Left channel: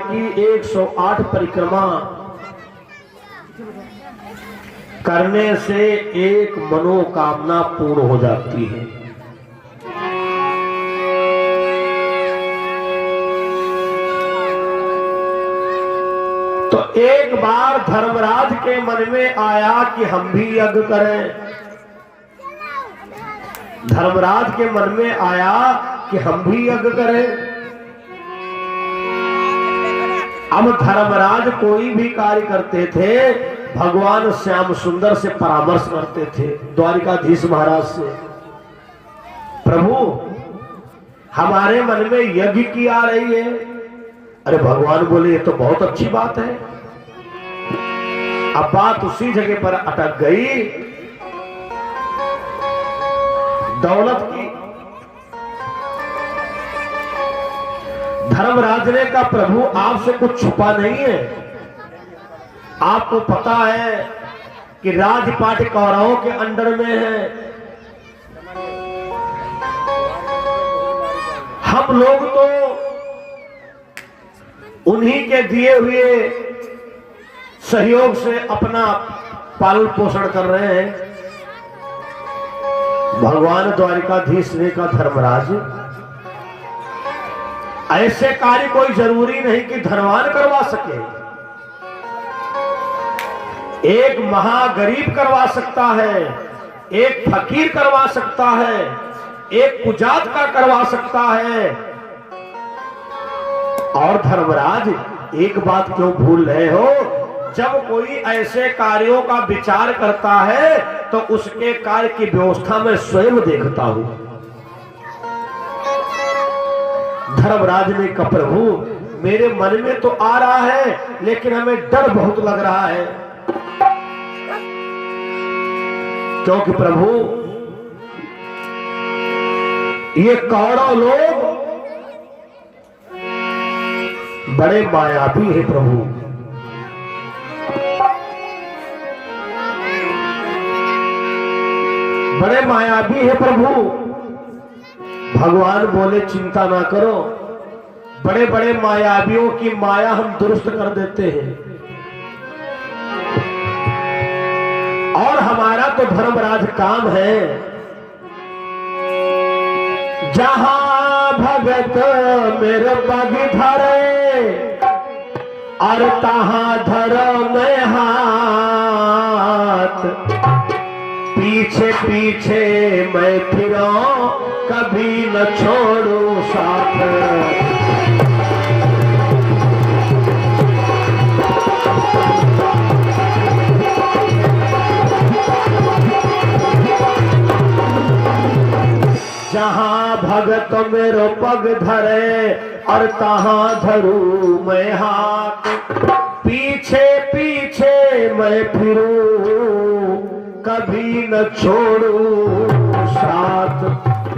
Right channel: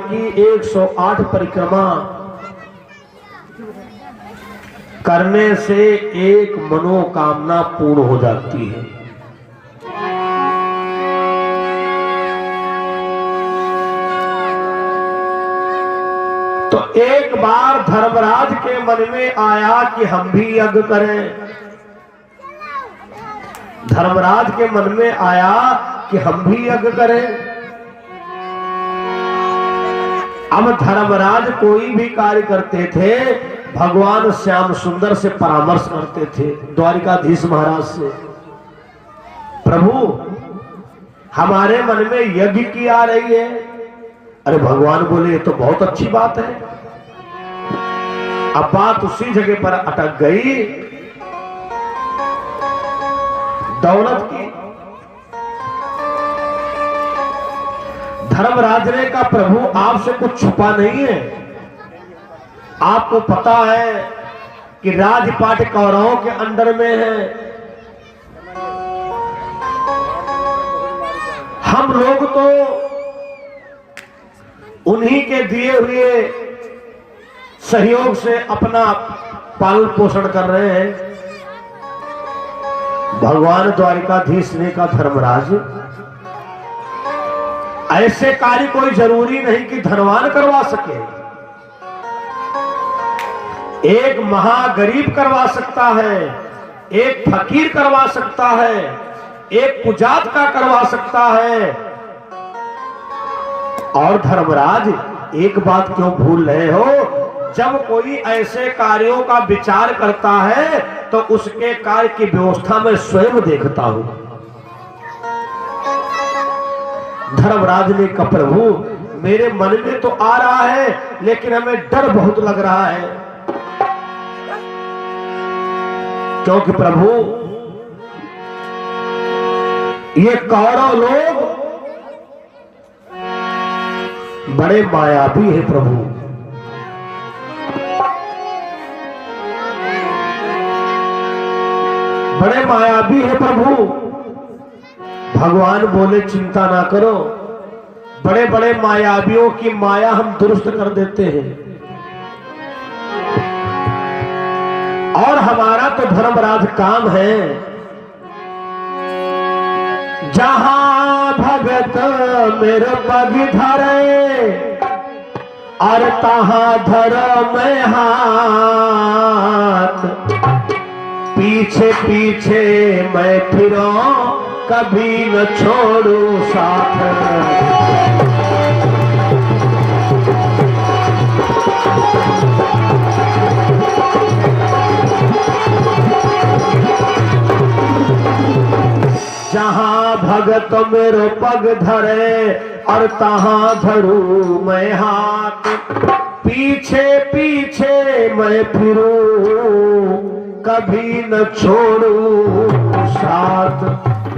की 108 परिक्रमा करने से एक मनोकामना पूर्ण हो जाती है। तो एक बार धर्मराज के मन में आया कि हम भी यज्ञ करें। धर्मराज के मन में आया कि हम भी यज्ञ करें। अब धर्मराज कोई भी कार्य करते थे भगवान श्याम सुंदर से परामर्श करते थे, द्वारिकाधीश महाराज से। प्रभु हमारे मन में यज्ञ की आ रही है। अरे भगवान बोले ये तो बहुत अच्छी बात है। अब बात उसी जगह पर अटक गई दौलत की। धर्मराज ने कहा प्रभु आपसे कुछ छुपा नहीं है। आपको पता है कि राजपाट कौरवों के अंडर में है। हम लोग तो उन्हीं के दिए हुए सहयोग से अपना पालन पोषण कर रहे हैं। भगवान द्वारिकाधीश ने कहा धर्मराज ऐसे कार्य कोई जरूरी नहीं कि धनवान करवा सके। एक महागरीब करवा सकता है, एक फकीर करवा सकता है, एक कुजात का करवा सकता है। और धर्मराज एक बात क्यों भूल रहे हो, जब कोई ऐसे कार्यों का विचार करता है तो उसके कार्य की व्यवस्था में स्वयं देखता हूं। धर्मराज ने कहा प्रभु मेरे मन में तो आ रहा है लेकिन हमें डर बहुत लग रहा है, क्योंकि प्रभु ये कौरव लोग बड़े मायावी है। प्रभु बड़े मायावी है। प्रभु भगवान बोले चिंता ना करो, बड़े बड़े मायावियों की माया हम दुरुस्त कर देते हैं। और हमारा तो धर्मराज काम है, जहां भगत मेरे पग धरे और तहां धरो मैं हाथ। पीछे पीछे मैं फिरो कभी न छोड़ू साथ। जहां भगत मेरो पग धरे और तहां धरू मैं हाथ। पीछे पीछे मैं फिरूं कभी न छोड़ू साथ।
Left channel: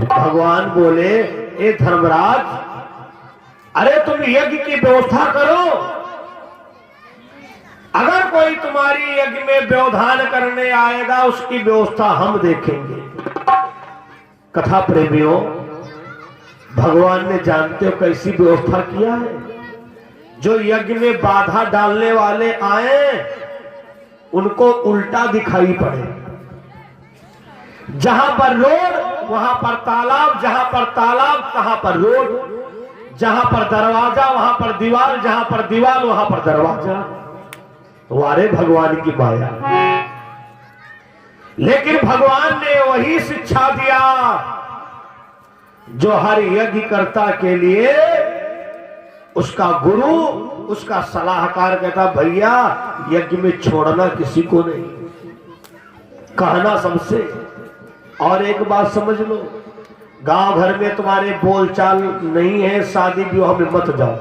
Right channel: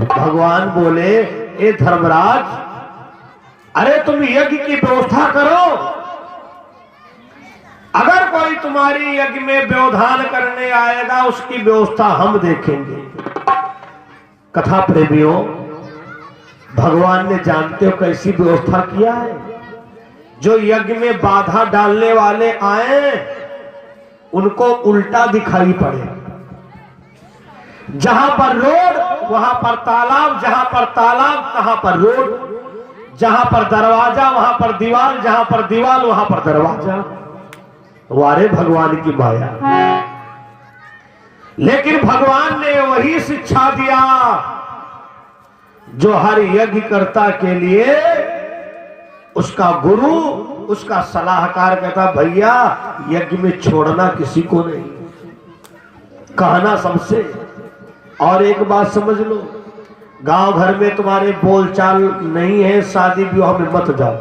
भगवान बोले ए धर्मराज अरे तुम यज्ञ की व्यवस्था करो। अगर कोई तुम्हारी यज्ञ में व्यवधान करने आएगा उसकी व्यवस्था हम देखेंगे। कथा प्रेमियों भगवान ने जानते हो कैसी व्यवस्था किया है। जो यज्ञ में बाधा डालने वाले आए उनको उल्टा दिखाई पड़े। जहां पर रोड वहां पर तालाब, जहां पर तालाब वहां पर रोड, जहां पर दरवाजा वहां पर दीवार, जहां पर दीवार वहां पर दरवाजा। वारे भगवान की माया। लेकिन भगवान ने वही शिक्षा दिया जो हर यज्ञकर्ता के लिए उसका गुरु उसका सलाहकार कहता भैया यज्ञ में छोड़ना किसी को नहीं, कहना सबसे। और एक बात समझ लो, गांव घर में तुम्हारे बोलचाल नहीं है, शादी विवाह में मत जाओ।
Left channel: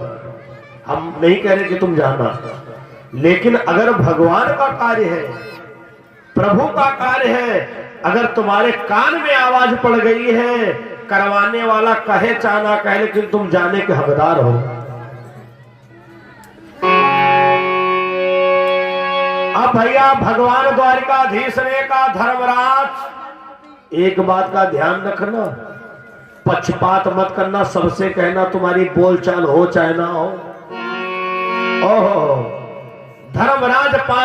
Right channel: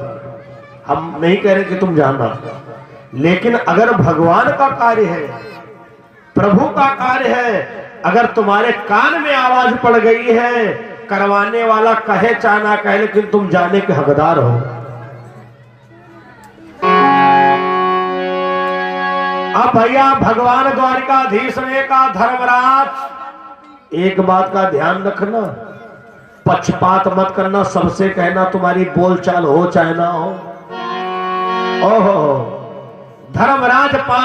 हम नहीं कह रहे कि तुम जाना, लेकिन अगर भगवान का कार्य है, प्रभु का कार्य है, अगर तुम्हारे कान में आवाज पड़ गई है, करवाने वाला कहे चाहना कहे लेकिन तुम जाने के हकदार हो। अब भैया भगवान द्वारिकाधीश ने कहा धर्मराज एक बात का ध्यान रखना, पक्षपात मत करना, सबसे कहना तुम्हारी बोलचाल हो चाहे ना हो।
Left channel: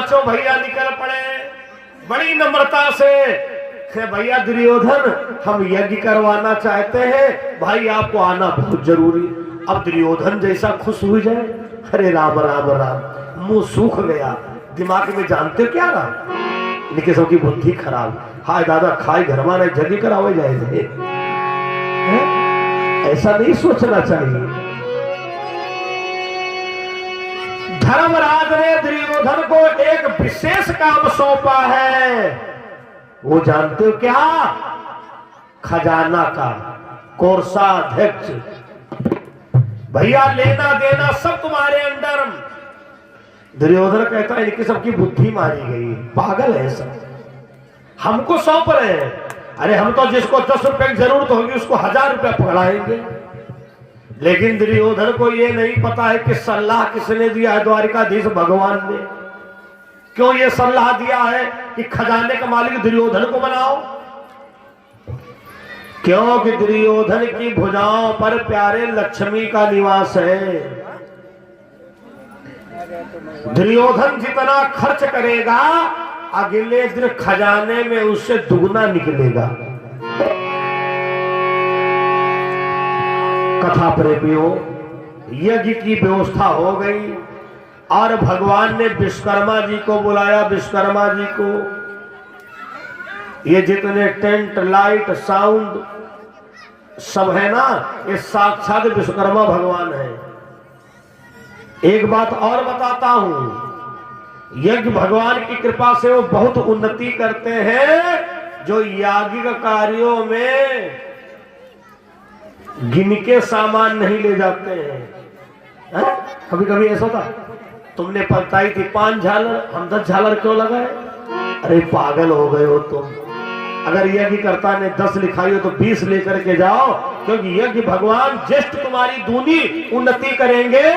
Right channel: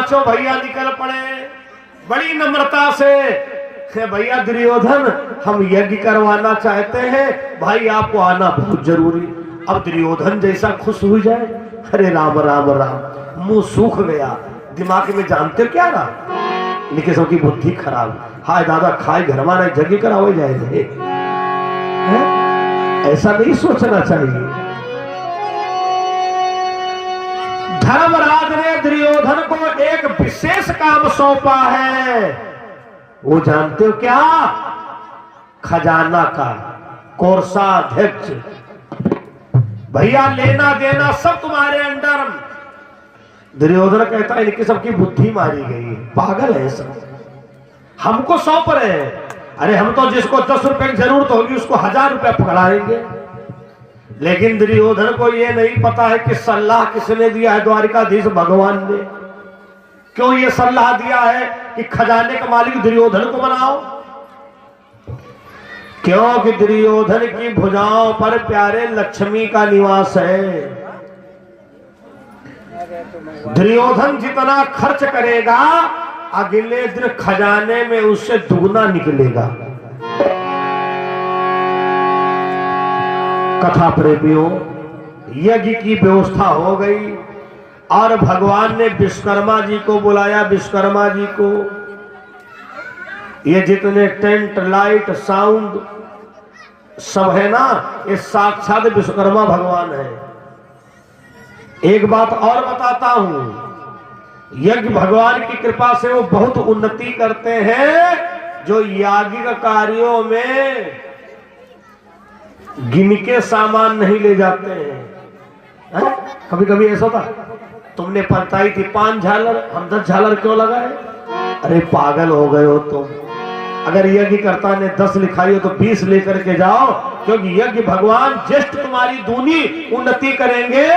पांचों भैया निकल पड़े बड़ी नम्रता से। भैया दुर्योधन, हम यज्ञ करवाना चाहते हैं, भाई आपको आना बहुत जरूरी। अब दुर्योधन जैसा खुश हो जाए, अरे राम राम राम, मुंह सूख गया। दिमाग में जानते क्या ना, लेकिन सबकी बुद्धि खराब। हाय दादा, खाए घर माने यज्ञ कराओ जाए, ऐसा नहीं सोचना चाहिए। धर्मराज ने दुर्योधन को एक विशेष काम सौंपा है, वो जानते हो क्या? खजाना का कोषाध्यक्ष। भैया लेना देना सब तुम्हारे अंडर। दुर्योधन कहता है इनकी सबकी बुद्धि मारी गई, पागल है सब, हमको सौंप रहे हैं। अरे हम तो जिसको 10 रुपए की जरूरत होगी उसको 1000 रुपया पकड़ाएंगे। लेकिन दुर्योधन को यह नहीं पता है कि सलाह किसने दिया है, द्वारिकाधीश भगवान ने। क्यों ये सलाह दिया है कि खजाने का मालिक दुर्योधन को बनाओ? क्योंकि दुर्योधन की भुजाओं पर प्यारे लक्ष्मी का निवास है। दुर्योधन जितना खर्च करेगा अगले दिन खजाने में उससे दुगना निकलेगा। कथा प्रेमियों, यज्ञ की व्यवस्था हो गई और भगवान ने विश्वकर्मा जी को बुलाया। विश्वकर्मा जी को ये जितने टेंट लाइट साउंड सब है ना, ये साक्षात विश्वकर्मा भगवान है। एक बात और बताता हूं, यज्ञ भगवान की कृपा से वो बहुत उन्नति करते हैं जो याज्ञिक कार्यों में गिन के सामान नहीं ले जाते हैं। कभी कभी ऐसा होता, तुमने बताई थी 5 झालर, हम 10 झालर क्यों लगाए? अरे पागल हो गए हो तुम। अगर यज्ञ कर्ता ने 10 लिखाई हो तो 20 लेकर के जाओ, क्योंकि यज्ञ भगवान ज्येष्ठ तुम्हारी दूनी उन्नति करेंगे।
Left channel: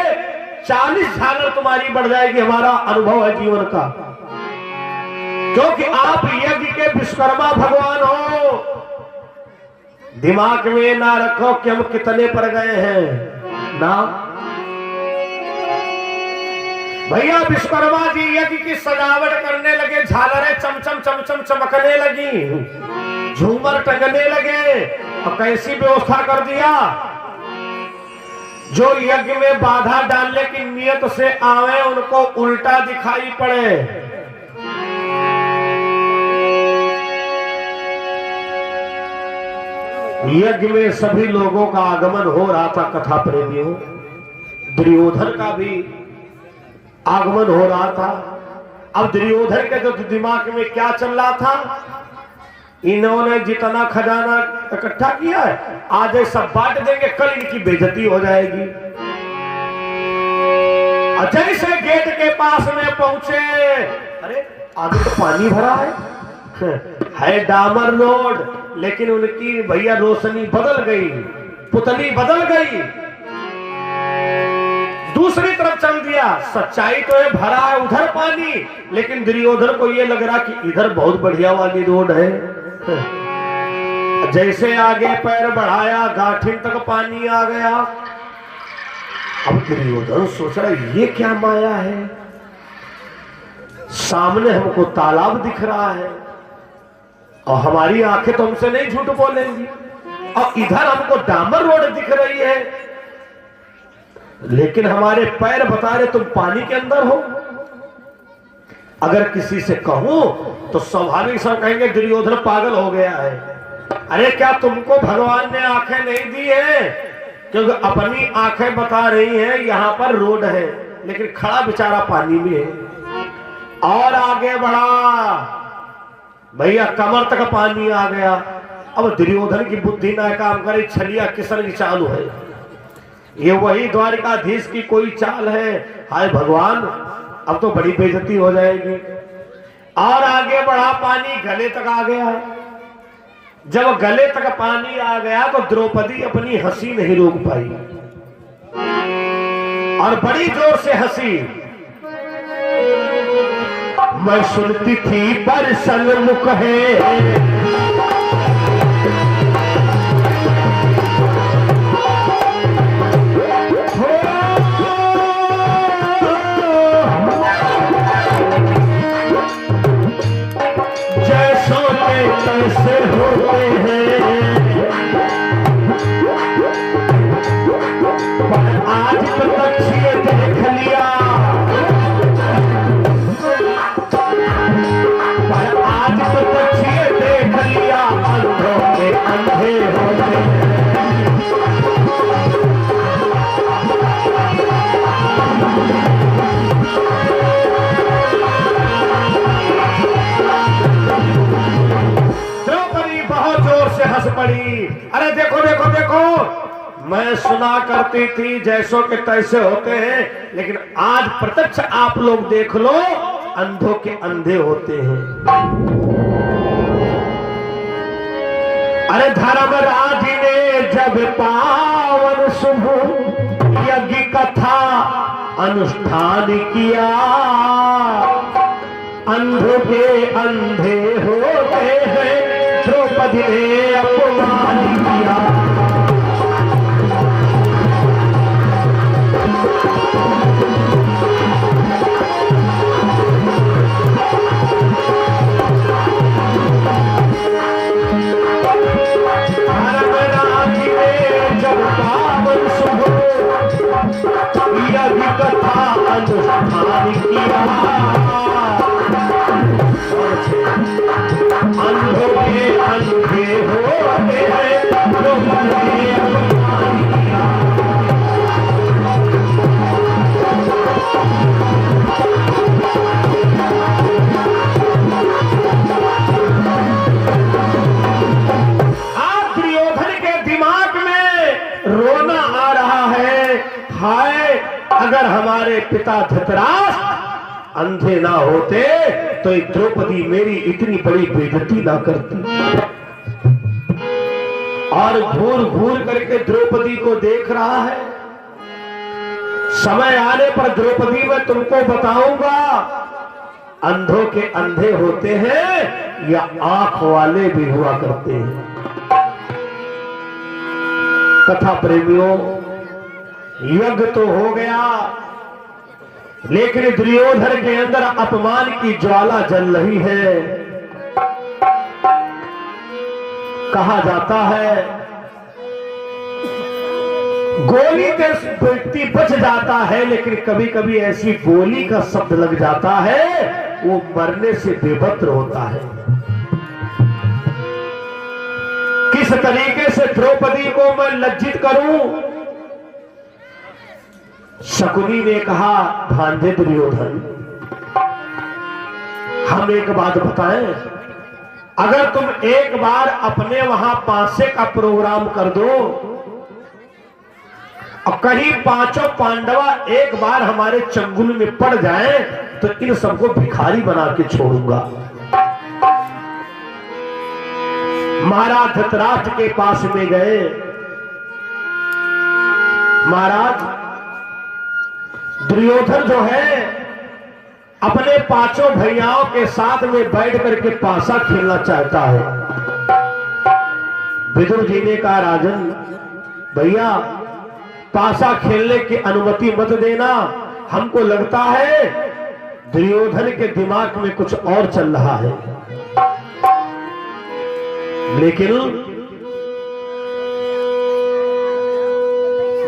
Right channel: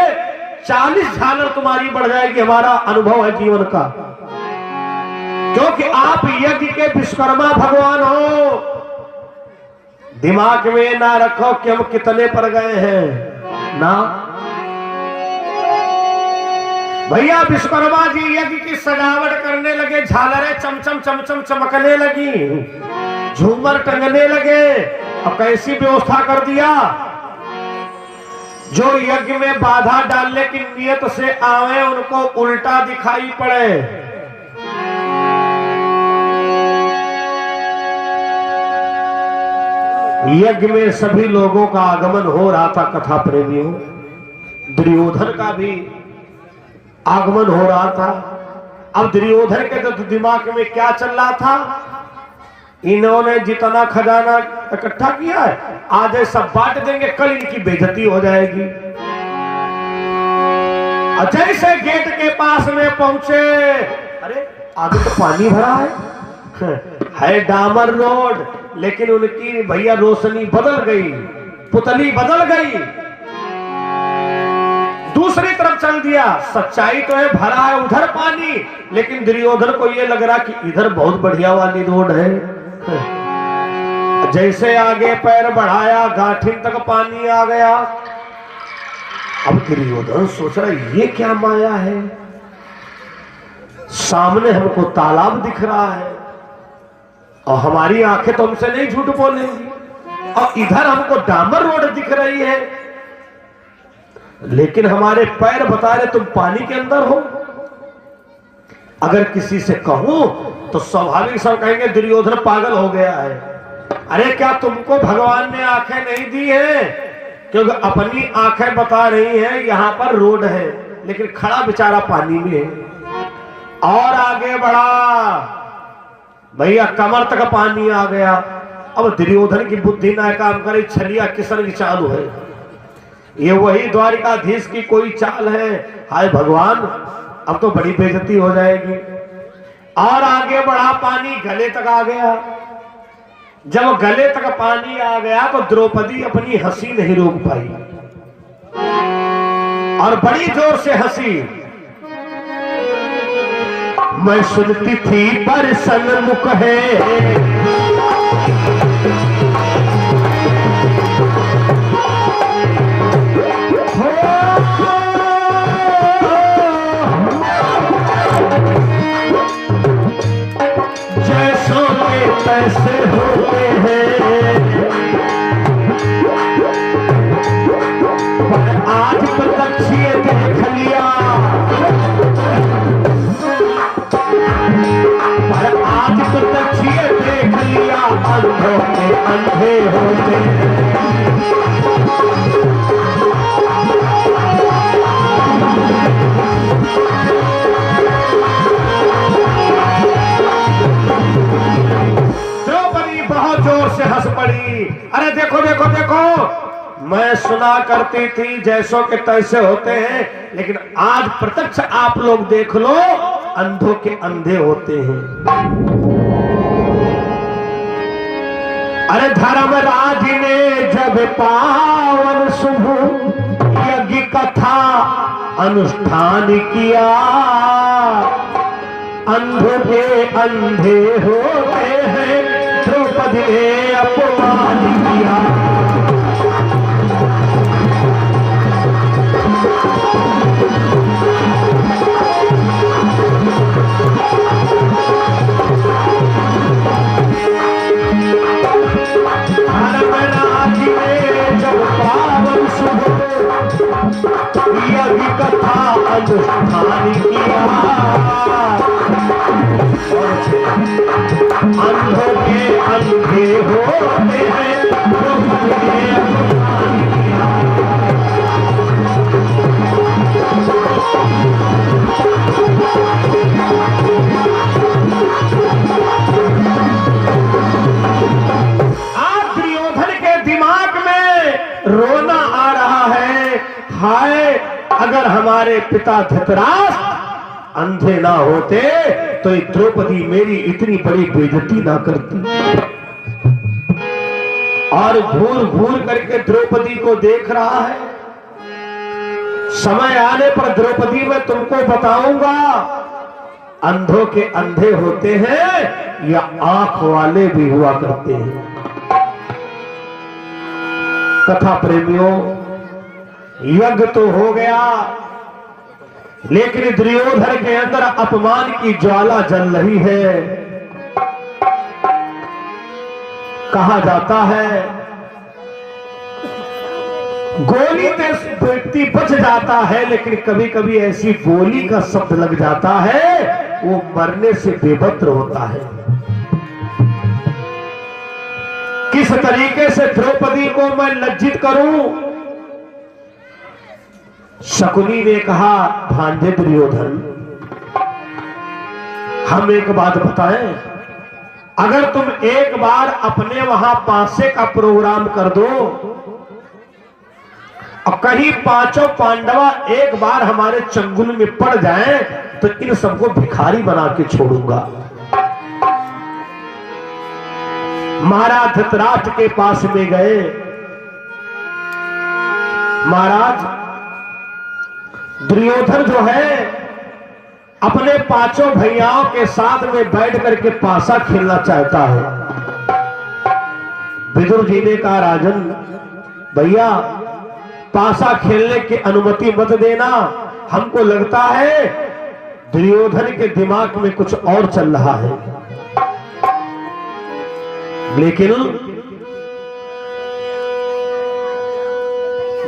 40 झालर तुम्हारी बढ़ जाएगी, हमारा अनुभव है जीवन का। क्योंकि आप यज्ञ के विश्वकर्मा भगवान हो। दिमाग में ना रखो कि हम कितने पर गए हैं ना। भैया विश्वकर्मा जी यज्ञ की सजावट करने लगे, झालरें चमचम चमचम चमकने लगी, झूमर टंगने लगे। अब कैसी व्यवस्था कर दिया, जो यज्ञ में बाधा डालने की नियत से आवे उनको उल्टा दिखाई पड़े। यज्ञ में सभी लोगों का आगमन हो रहा था। कथा प्रेमियों, दुर्योधन का भी आगमन हो रहा था। अब दुर्योधन के तो दिमाग में क्या चल रहा था, इन्होंने जितना खजाना इकट्ठा किया है आज सब बांट देंगे, कल इनकी बेइज्जती हो जाएगी। जैसे गेट के पास में पहुंचे, अरे आगे तो पानी भरा है डामर रोड, लेकिन उनकी भैया रोशनी बदल गई, पुतली बदल गई, दूसरी तरफ चल दिया। सच्चाई तो है भरा है उधर पानी, लेकिन दुर्योधन को यह लग रहा कि इधर बहुत बढ़िया वाली रोड है। जैसे आगे पैर बढ़ाया गांठिन तक पानी आ गया। अब दुर्योधन सोच रहा ये क्या माया है, सामने हमको तालाब दिख रहा है और हमारी आंखें तो हमसे नहीं झूठ बोलेंगी, और इधर हमको डामर रोड दिख रही है, लेकिन हमारे पैर बता रहे तुम पानी के अंदर हो। अगर किसी से कहूं तो स्वाभाविक सब कहेंगे दुर्योधन पागल हो गया है। अरे क्या तुमको भगवान ने आंखें नहीं दी है? क्योंकि अपनी आंखें बता रही हैं यहां पर रोड है, लेकिन खड़ा बेचारा पानी में है। और आगे बढ़ा भैया, कमर तक पानी आ गया। अब दुर्योधन की बुद्धि ना काम करे, छलिया किसन की चालू है। ये वही द्वारिकाधीश की कोई चाल है। हाय भगवान, अब तो बड़ी बेइज्जती हो जाएगी। और आगे बढ़ा, पानी गले तक आ गया। जब गले तक पानी आ गया तो द्रौपदी अपनी हंसी नहीं रोक पाई और बड़ी जोर से हंसी। मैं सुनती थी पर सन्मुख है, कैसे होते हैं, पर आज प्रत्यक्ष ये देख लिया, पर आज प्रत्यक्ष ये देख लिया, अंधों के अंधे होते हैं। अरे देखो देखो देखो, मैं सुना करती थी जैसों के तैसे होते हैं, लेकिन आज प्रत्यक्ष आप लोग देख लो, अंधों के अंधे होते हैं। अरे धर्मराज ने जब पावन शुभ यज्ञ कथा अनुष्ठान किया, अंधों के अंधे हो गए हैं, द्रौपदी ने अपमान किया। धर्मराज ने जब पावन शुभ यज्ञ कथा अनुष्ठान किया, अंधों के अंधे होते हैं, आज दुर्योधन के दिमाग में रोना आ रहा है, हाय अगर हमारे पिता धृतराष्ट्र अंधे ना होते तो द्रौपदी मेरी इतनी बड़ी बेइज्जती ना करती। और घूर घूर करके द्रौपदी को देख रहा है। समय आने पर द्रौपदी मैं तुमको बताऊंगा, अंधों के अंधे होते हैं या आंख वाले भी हुआ करते हैं। कथा प्रेमियों, यज्ञ तो हो गया, लेकिन दुर्योधन के अंदर अपमान की ज्वाला जल रही है। कहा जाता है गोली से व्यक्ति बच जाता है, लेकिन कभी कभी ऐसी गोली का शब्द लग जाता है वो मरने से बेबत्र होता है। किस तरीके से द्रौपदी को मैं लज्जित करूं? शकुनी ने कहा, भांजे दुर्योधन, हम एक बात बताएं, अगर तुम एक बार अपने वहां पांसे का प्रोग्राम कर दो और कहीं पांचों पांडवा एक बार हमारे चंगुल में पड़ जाएं, तो इन सबको भिखारी बना के छोड़ूंगा। महाराज धृतराष्ट्र के पास में गए। महाराज, दुर्योधन जो है अपने पांचों भैयाओं के साथ में बैठ करके पासा खेलना चाहता है। विदुर जी ने कहा, राजन भैया पासा खेलने की अनुमति मत देना, हमको लगता है दुर्योधन के दिमाग में कुछ और चल रहा है। लेकिन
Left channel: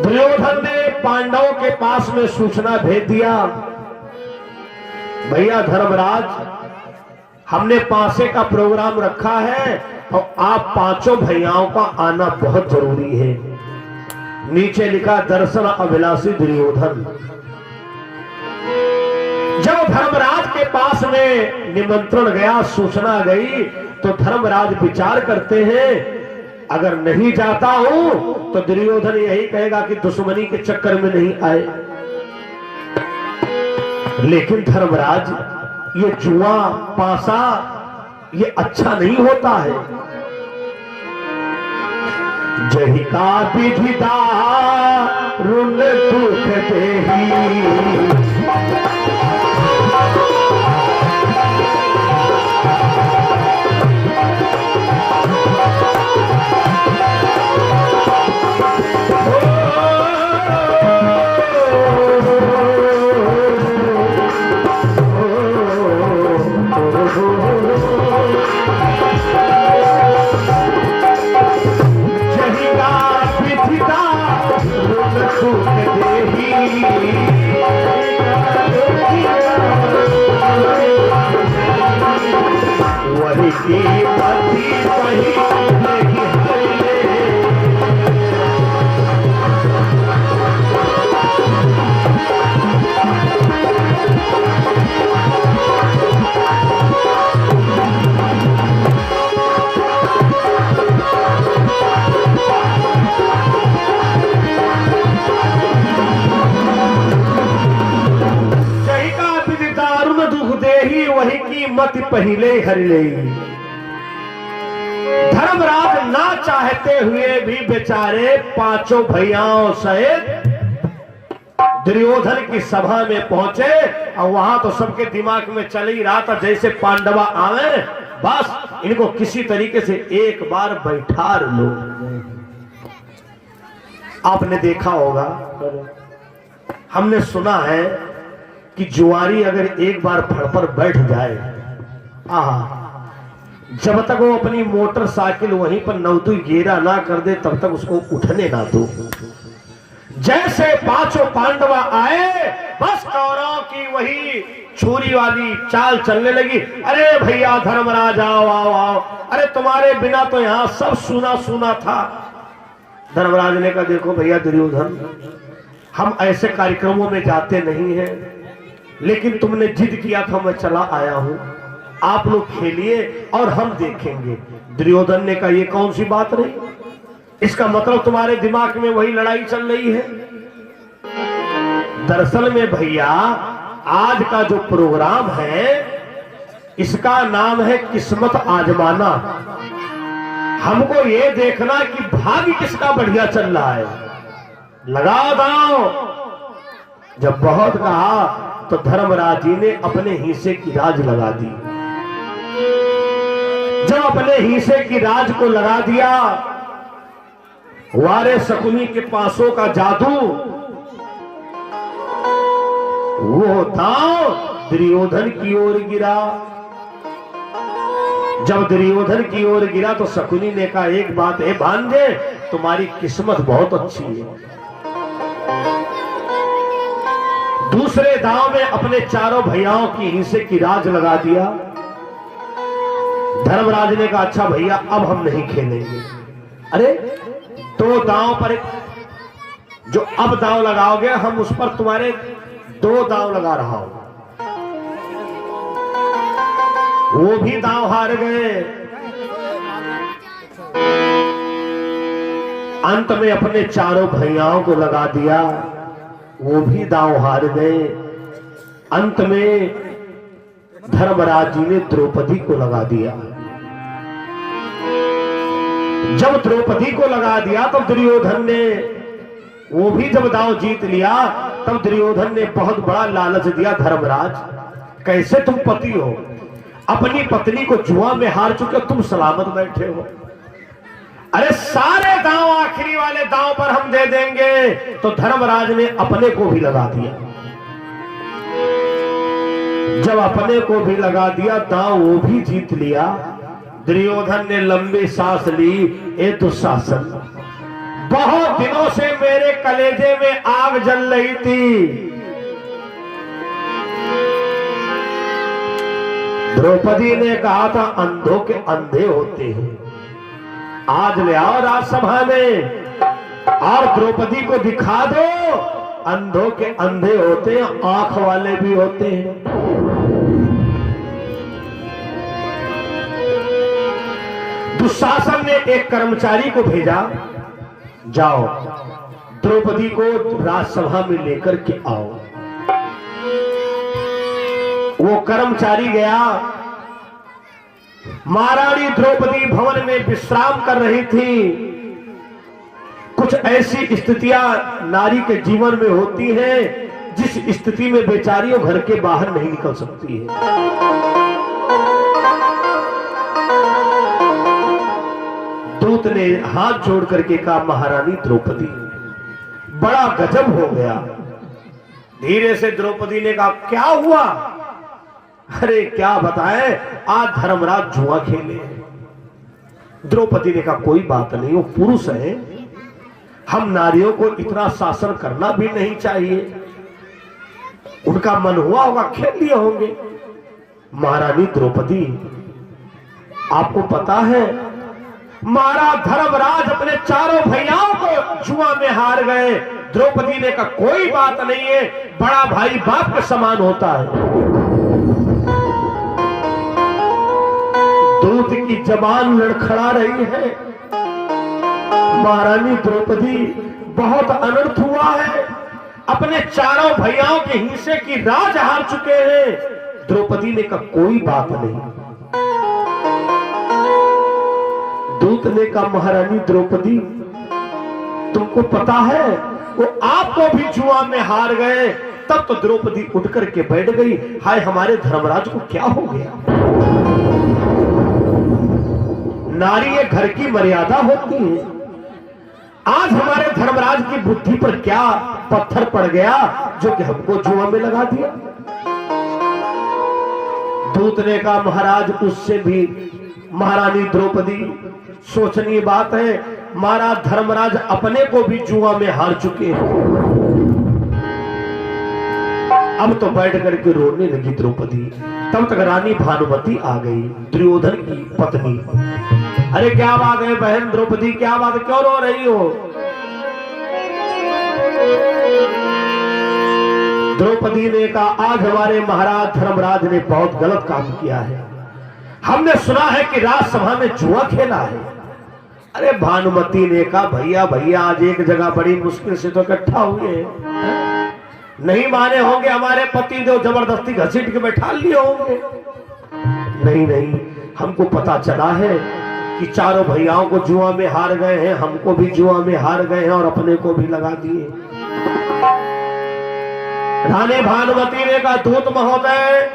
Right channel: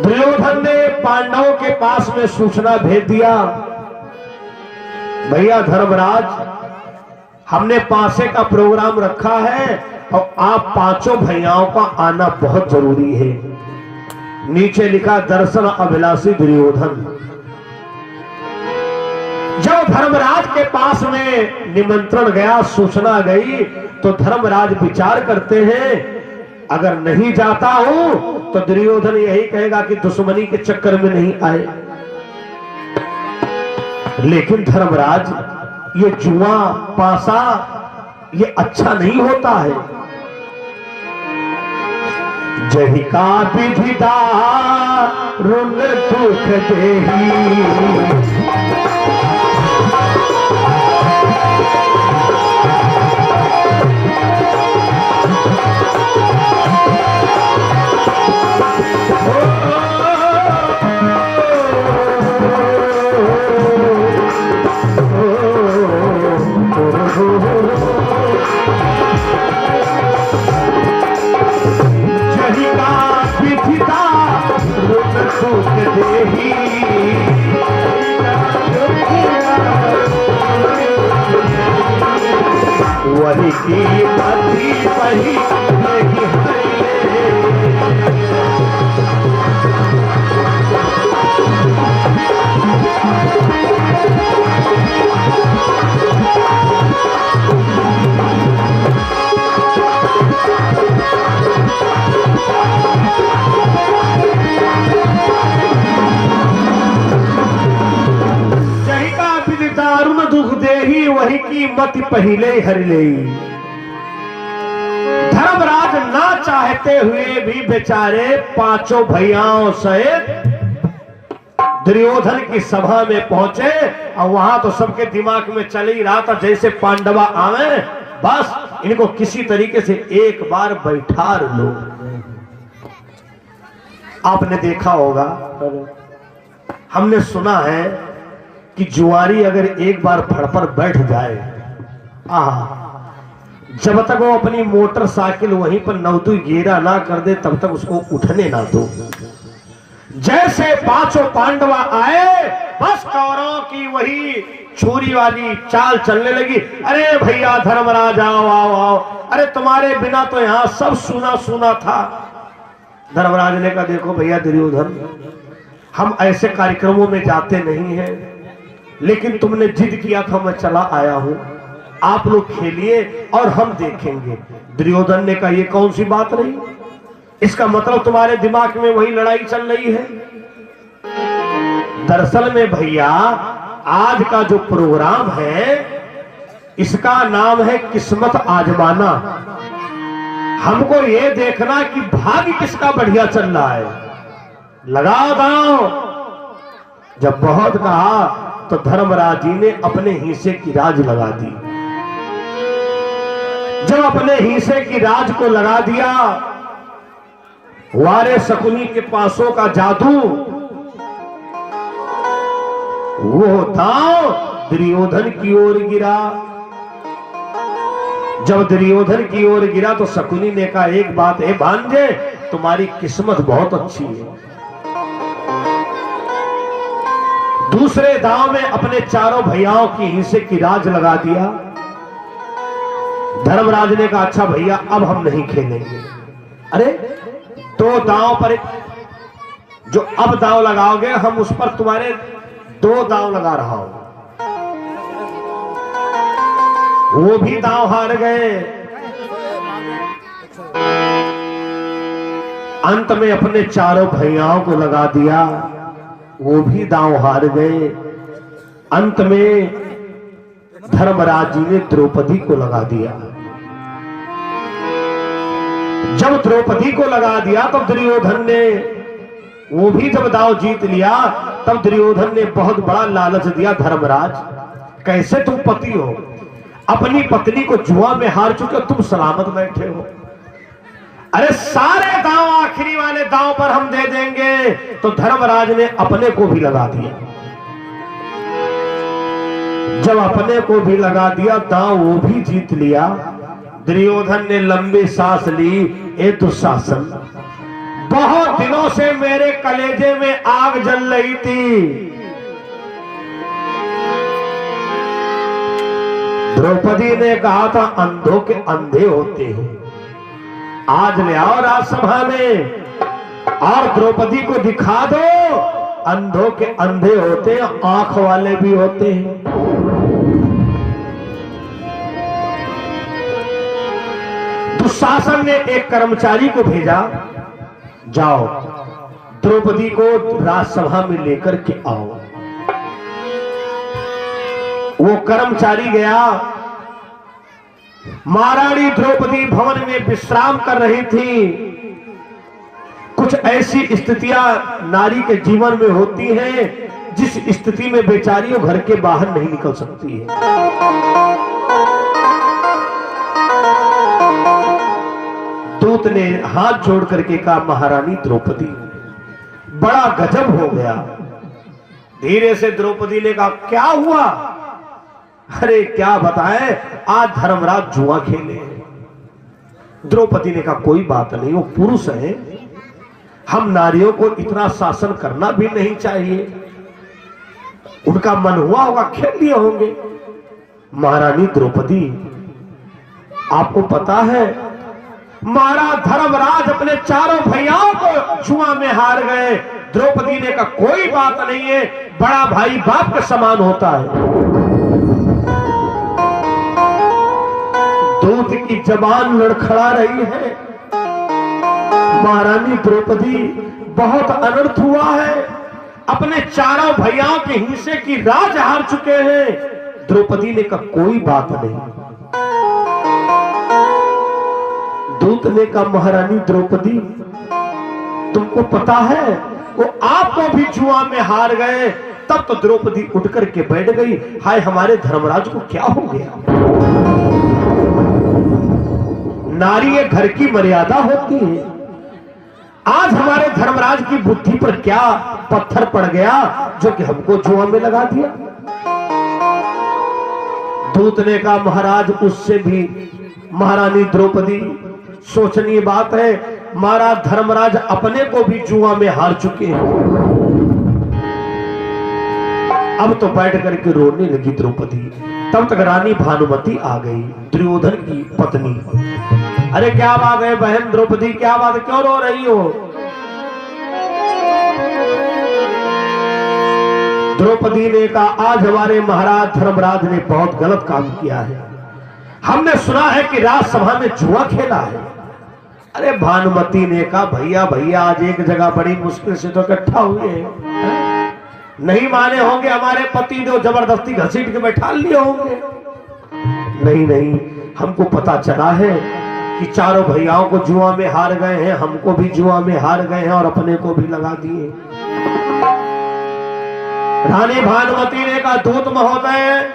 दुर्योधन ने पांडवों के पास में सूचना भेज दिया, भैया धर्मराज, हमने पासे का प्रोग्राम रखा है और आप पांचों भैयाओं का आना बहुत जरूरी है। नीचे लिखा, दर्शन अभिलाषी दुर्योधन। जब धर्मराज के पास में निमंत्रण गया, सूचना गई, तो धर्मराज विचार करते हैं, अगर नहीं जाता हूं तो दुर्योधन यही कहेगा कि दुश्मनी के चक्कर में नहीं आए। लेकिन धर्मराज, ये जुआ पासा ये अच्छा नहीं होता है। जही का विधिदारुण दुख देही, वही की मति पहिले ही हरि ले। वही की मत पहिले हर ले। धर्मराज ना चाहते हुए भी बेचारे पांचों भैयाओं सहित दुर्योधन की सभा में पहुंचे और वहां तो सबके दिमाग में चल ही रहा था जैसे पांडवा आवे बस इनको किसी तरीके से एक बार बैठा लो। आपने देखा होगा, हमने सुना है कि जुआरी अगर एक बार फड़ पर बैठ जाए, जब तक वो अपनी मोटरसाइकिल वहीं पर नवदू गेरा ना कर दे तब तक उसको उठने ना दो। जैसे पांचों पांडवा आए बस कौरवों की वही छुरी वाली चाल चलने लगी। अरे भैया धर्मराज आओ आओ आओ, अरे तुम्हारे बिना तो यहां सब सुना सुना था। धर्मराज ने कहा देखो भैया दुर्योधन, हम ऐसे कार्यक्रमों में जाते नहीं हैं, लेकिन तुमने जिद किया था मैं चला आया हूं, आप लोग खेलिए और हम देखेंगे। दुर्योधन ने कहा ये कौन सी बात रही, इसका मतलब तुम्हारे दिमाग में वही लड़ाई चल रही है। दरअसल में भैया आज का जो प्रोग्राम है इसका नाम है किस्मत आजमाना। हमको ये देखना कि भाग्य किसका बढ़िया चल रहा है, लगा दो। जब बहुत कहा तो धर्मराज जी ने अपने हिस्से की राज लगा दी। जब अपने हिस्से की राज को लगा दिया, वारे शकुनी के पासों का जादू वो दांव दुर्योधन की ओर गिरा। जब दुर्योधन की ओर गिरा तो शकुनी ने कहा एक बात है भांजे, तुम्हारी किस्मत बहुत अच्छी है। दूसरे दांव में अपने चारों भैयाओं की हिस्से की राज लगा दिया। धर्मराज ने कहा अच्छा भैया अब हम नहीं खेलेंगे। अरे दो दांव पर जो अब दांव लगाओगे हम उस पर तुम्हारे दो दांव लगा रहा हूं। वो भी दांव हार गए। अंत में अपने चारों भैयाओं को लगा दिया, वो भी दांव हार गए। अंत में धर्मराज जी ने द्रौपदी को लगा दिया। जब द्रौपदी को लगा दिया तब दुर्योधन ने वो भी जब दांव जीत लिया तब दुर्योधन ने बहुत बड़ा लालच दिया। धर्मराज कैसे तुम पति हो, अपनी पत्नी को जुआ में हार चुके, तुम सलामत बैठे हो। अरे सारे दांव आखिरी वाले दांव पर हम दे देंगे। तो धर्मराज ने अपने को भी लगा दिया। जब अपने को भी लगा दिया दांव वो भी जीत लिया। दुर्योधन ने लंबी सांस ली, ए दुशासन बहुत दिनों से मेरे कलेजे में आग जल रही थी। द्रौपदी ने कहा था अंधों के अंधे होते हैं, आज ले आओ राजसभा में और द्रौपदी को दिखा दो अंधों के अंधे होते हैं, आंख वाले भी होते हैं। दुशासन ने एक कर्मचारी को भेजा, जाओ द्रौपदी को राजसभा में लेकर के आओ। वो कर्मचारी गया। महारानी द्रौपदी भवन में विश्राम कर रही थी। कुछ ऐसी स्थितियां नारी के जीवन में होती हैं जिस स्थिति में बेचारी वो घर के बाहर नहीं निकल सकती है। दूत ने हाथ जोड़ करके कहा महारानी द्रौपदी, बड़ा गजब हो गया। धीरे से द्रौपदी ने कहा क्या हुआ? अरे क्या बताएं, आज धर्मराज जुआ खेले। द्रौपदी ने कहा कोई बात नहीं, वो पुरुष है, हम नारियों को इतना शासन करना भी नहीं चाहिए। उनका मन हुआ होगा, खेल लिए होंगे। महारानी द्रौपदी आपको पता है महाराज धर्मराज अपने चारों भैयाओं को जुआ में हार गए। द्रौपदी ने कहा कोई बात नहीं है, बड़ा भाई बाप के समान होता है। दूध की जबान लड़खड़ा रही है। महारानी द्रौपदी बहुत अनर्थ हुआ है, अपने चारों भैयाओं के हिस्से की राज हार चुके हैं। द्रौपदी ने कहा कोई बात नहीं। दूत ने कहा महारानी द्रौपदी तुमको पता है वो आपको भी जुआ में हार गए। तब तो द्रौपदी उठ करके बैठ गई, हाय हमारे धर्मराज को क्या हो गया। नारी ये घर की मर्यादा होती है। आज हमारे धर्मराज की बुद्धि पर क्या पत्थर पड़ गया जो कि हमको जुआ में लगा दिया। दूत ने कहा महाराज उससे भी महारानी द्रौपदी सोचनीय बात है, महाराज धर्मराज अपने को भी जुआ में हार चुके हैं। अब तो बैठ करके रोने लगी द्रौपदी। तब तक रानी भानुमति आ गई, दुर्योधन की पत्नी। अरे क्या बात है बहन द्रौपदी, क्या बात है, क्यों रो रही हो। द्रौपदी ने कहा आज हमारे महाराज धर्मराज ने बहुत गलत काम किया है। हमने सुना है कि राजसभा में जुआ खेला है। अरे भानुमति ने कहा भैया भैया आज एक जगह बड़ी मुश्किल से तो इकट्ठा हुए हैं, नहीं माने होंगे हमारे पति जो जबरदस्ती घसीट के बैठा लिए होंगे। नहीं नहीं, हमको पता चला है कि चारों भैयाओं को जुआ में हार गए हैं, हमको भी जुआ में हार गए हैं और अपने को भी लगा दिए। रानी भानुमति ने कहा दूत महोदय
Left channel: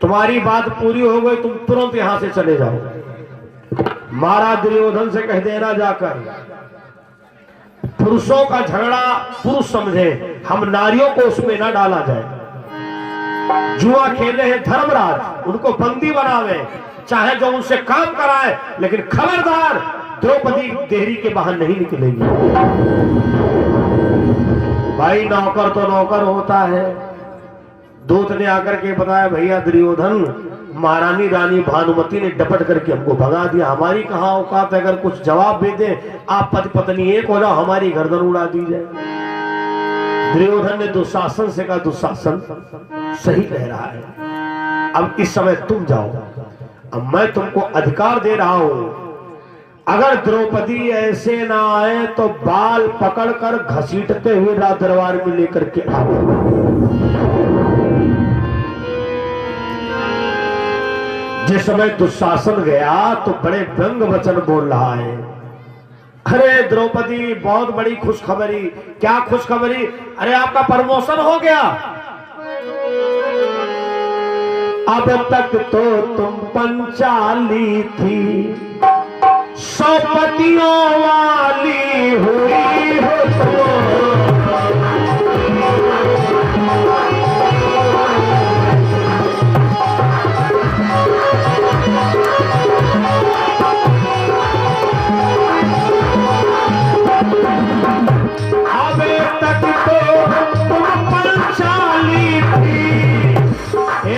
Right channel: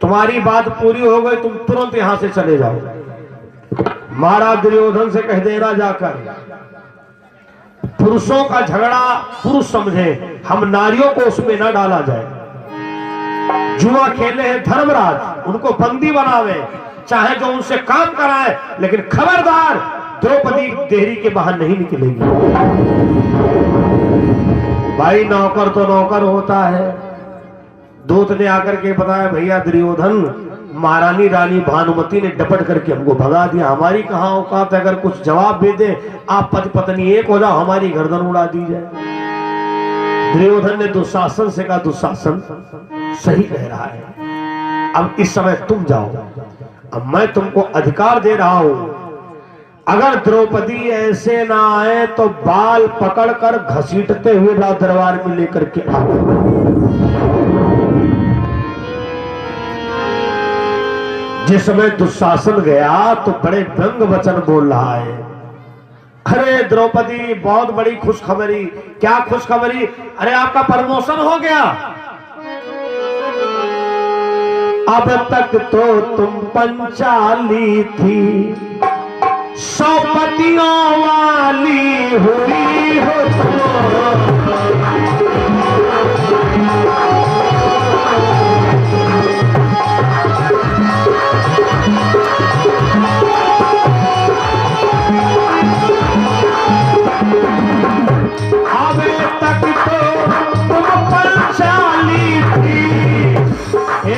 तुम्हारी बात पूरी हो गई, तुम तुरंत यहां से चले जाओ। महाराज दुर्योधन से कह देना जाकर पुरुषों का झगड़ा पुरुष समझे, हम नारियों को उसमें न डाला जाए। जुआ खेले हैं धर्मराज, उनको बंदी बनावे, चाहे जो उनसे काम कराए, लेकिन खबरदार द्रौपदी देहरी के बाहर नहीं निकलेंगे। भाई नौकर तो नौकर होता है। दूत ने आकर के बताया भैया दुर्योधन महारानी रानी भानुमति ने डपट करके हमको भगा दिया, हमारी कहां औकात है, अगर कुछ जवाब दे दे आप पति पत्नी एक हो जाओ, हमारी गर्दन उड़ा दी जाए। दुर्योधन ने दुशासन से कहा दुशासन सही कह रहा है, अब इस समय तुम जाओ, अब मैं तुमको अधिकार दे रहा हूं, अगर द्रौपदी ऐसे ना आए तो बाल पकड़कर घसीटते हुए दरबार में लेकर के आओ। जिस समय दुशासन गया तो बड़े व्यंग वचन बोल रहा है, अरे द्रौपदी बहुत बड़ी खुशखबरी। क्या खुशखबरी? अरे आपका प्रमोशन हो गया। अब तक तो तुम पंचाली थी, 100 पतियों वाली हुई हो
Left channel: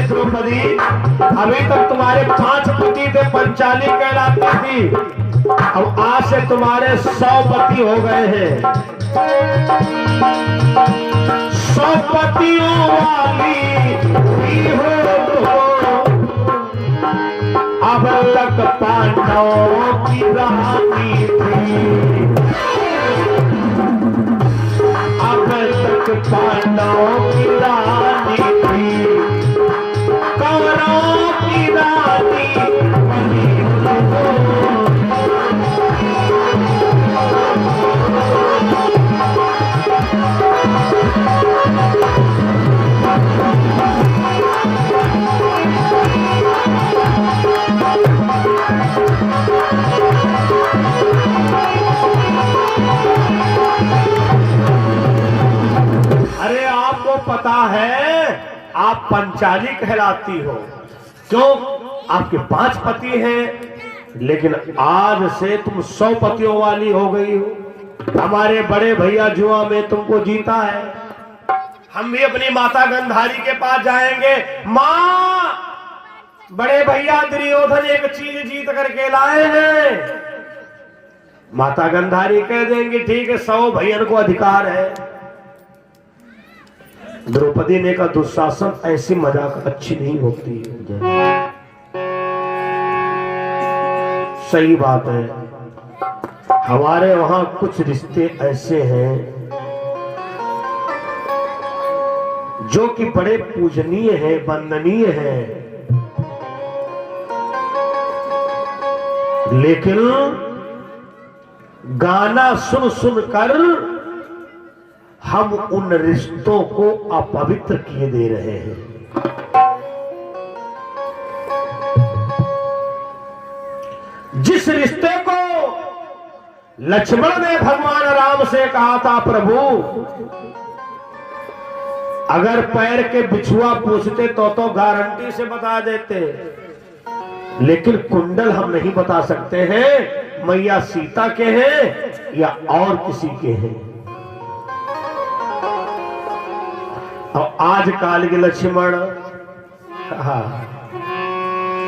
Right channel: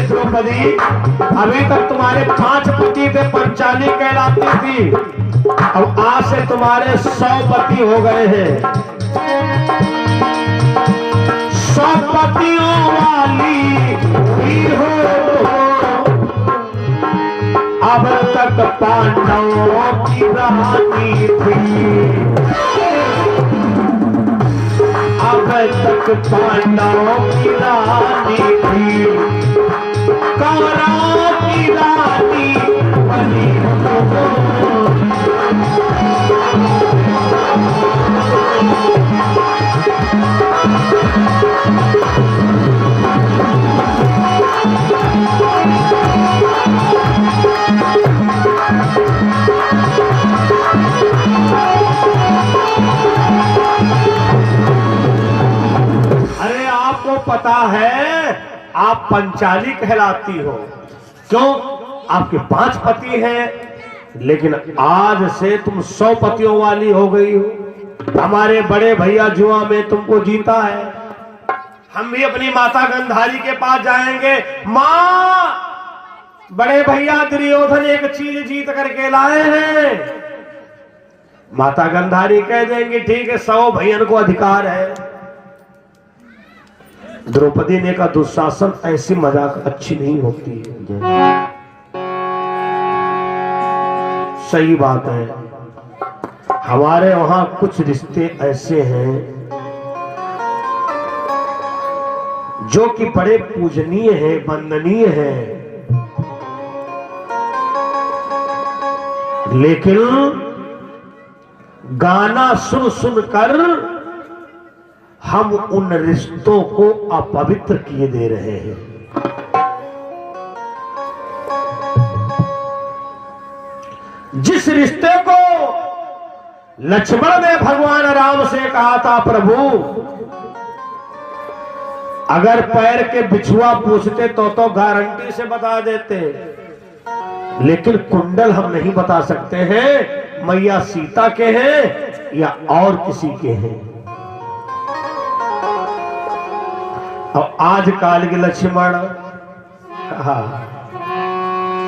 द्रौपदी। अभी तक तुम्हारे 5 पति थे, पंचाली कहलाती थी, अब आज से तुम्हारे 100 पति हो गए हैं। 100 पतियों वाली हुई हो अब तक पांडवों की रानी थी, अब तक पांडवों की रानी थी, कौरवों की रानी बनी हो। अरे आपको पता है आप पंचाली कहलाती हो, क्यों? आपके 5 पति हैं, लेकिन आज से तुम 100 पतियों वाली हो गई हो। हमारे बड़े भैया जुआ में तुमको जीता है, हम भी अपनी माता गंधारी के पास जाएंगे। माँ बड़े भैया दुर्योधन एक चीज जीत करके लाए हैं। माता गांधारी कह देंगी ठीक है, 100 भैयन को अधिकार है। द्रौपदी ने कहा दुशासन ऐसी मजाक अच्छी नहीं होती है। सही बात है, हमारे वहां कुछ रिश्ते ऐसे हैं जो कि बड़े पूजनीय है, वंदनीय है, लेकिन गाना सुन सुन कर हम उन रिश्तों को अपवित्र किए दे रहे हैं। जिस रिश्ते को लक्ष्मण ने भगवान राम से कहा था प्रभु अगर पैर के बिछुआ पूछते तो गारंटी से बता देते, लेकिन कुंडल हम नहीं बता सकते हैं मैया सीता के हैं या और किसी के हैं। और आज काल के लक्ष्मण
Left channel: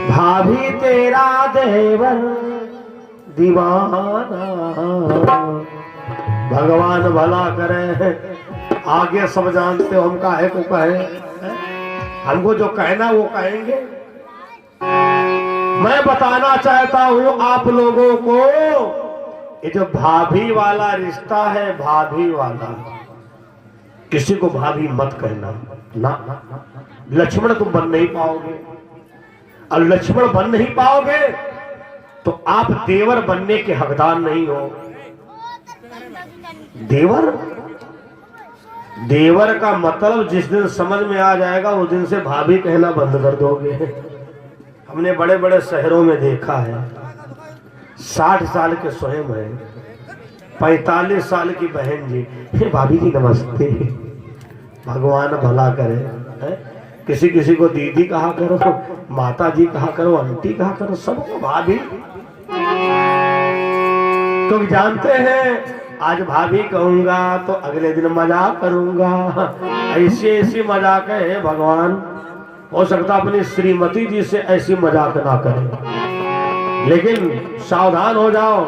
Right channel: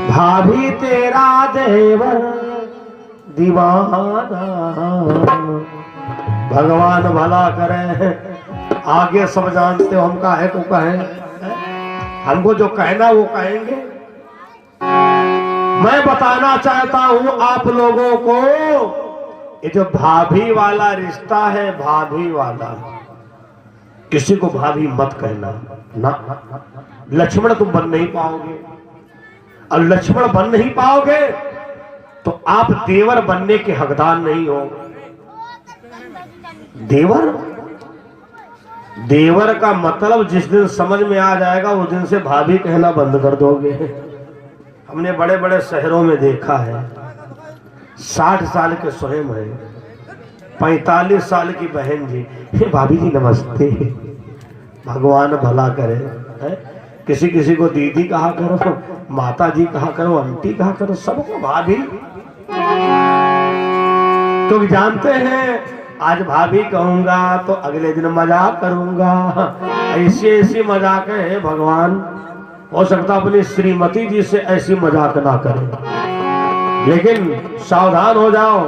भाभी तेरा देवर दीवाना, भगवान भला करे, आगे सब जानते हो हम काहे को कहे, हमको जो कहना वो कहेंगे। मैं बताना चाहता हूं आप लोगों को ये जो भाभी वाला रिश्ता है, भाभी वाला, किसी को भाभी मत कहना ना। लक्ष्मण तुम बन नहीं पाओगे, और लक्ष्मण बन नहीं पाओगे तो आप देवर बनने के हकदार नहीं हो। देवर देवर का मतलब जिस दिन समझ में आ जाएगा उस दिन से भाभी कहना बंद कर दोगे। हमने बड़े बड़े शहरों में देखा है, 60 साल के स्वयं है, 45 साल की बहन जी, हे भाभी जी नमस्ते, भगवान भला करे है? किसी किसी को दीदी कहा करो, माता जी कहा करो, आंटी कहा करो, सबको भाभी। तो जानते हैं आज भाभी कहूंगा तो अगले दिन मजाक करूंगा, ऐसी मजाक है भगवान। हो सकता अपनी श्रीमती जी से ऐसी मजाक ना करें, लेकिन सावधान हो जाओ।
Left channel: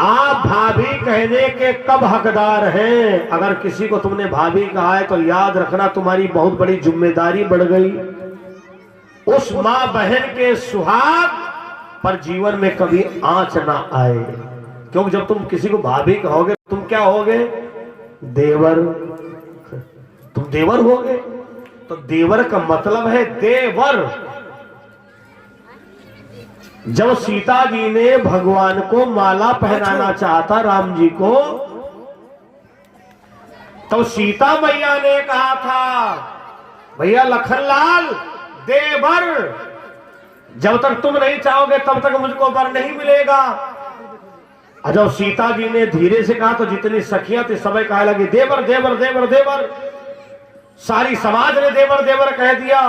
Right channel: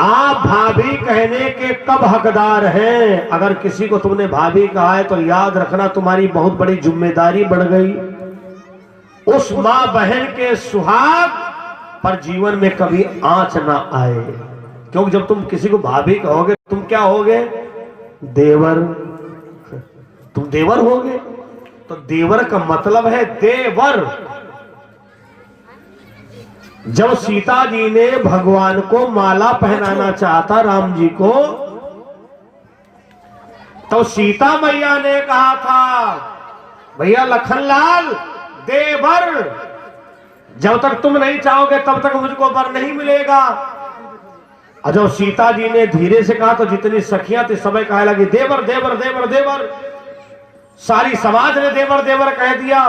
आप भाभी कहने के कब हकदार हैं? अगर किसी को तुमने भाभी कहा है तो याद रखना तुम्हारी बहुत बड़ी जिम्मेदारी बढ़ गई। उस मां बहन के सुहाग पर जीवन में कभी आंच ना आए, क्योंकि जब तुम किसी को भाभी कहोगे तुम क्या होगे? देवर। तुम देवर होगे, तो देवर का मतलब है देवर। जब सीता जी ने भगवान को माला पहनाना चाहता राम जी को, तो सीता मैया ने कहा था भैया लखनलाल देवर, जब तक तुम नहीं चाहोगे तब तक मुझको वर नहीं मिलेगा। और जब सीता जी ने धीरे से कहा तो जितनी सखियां थी सबे कहने लगी देवर देवर देवर देवर, सारी समाज ने देवर देवर कह दिया।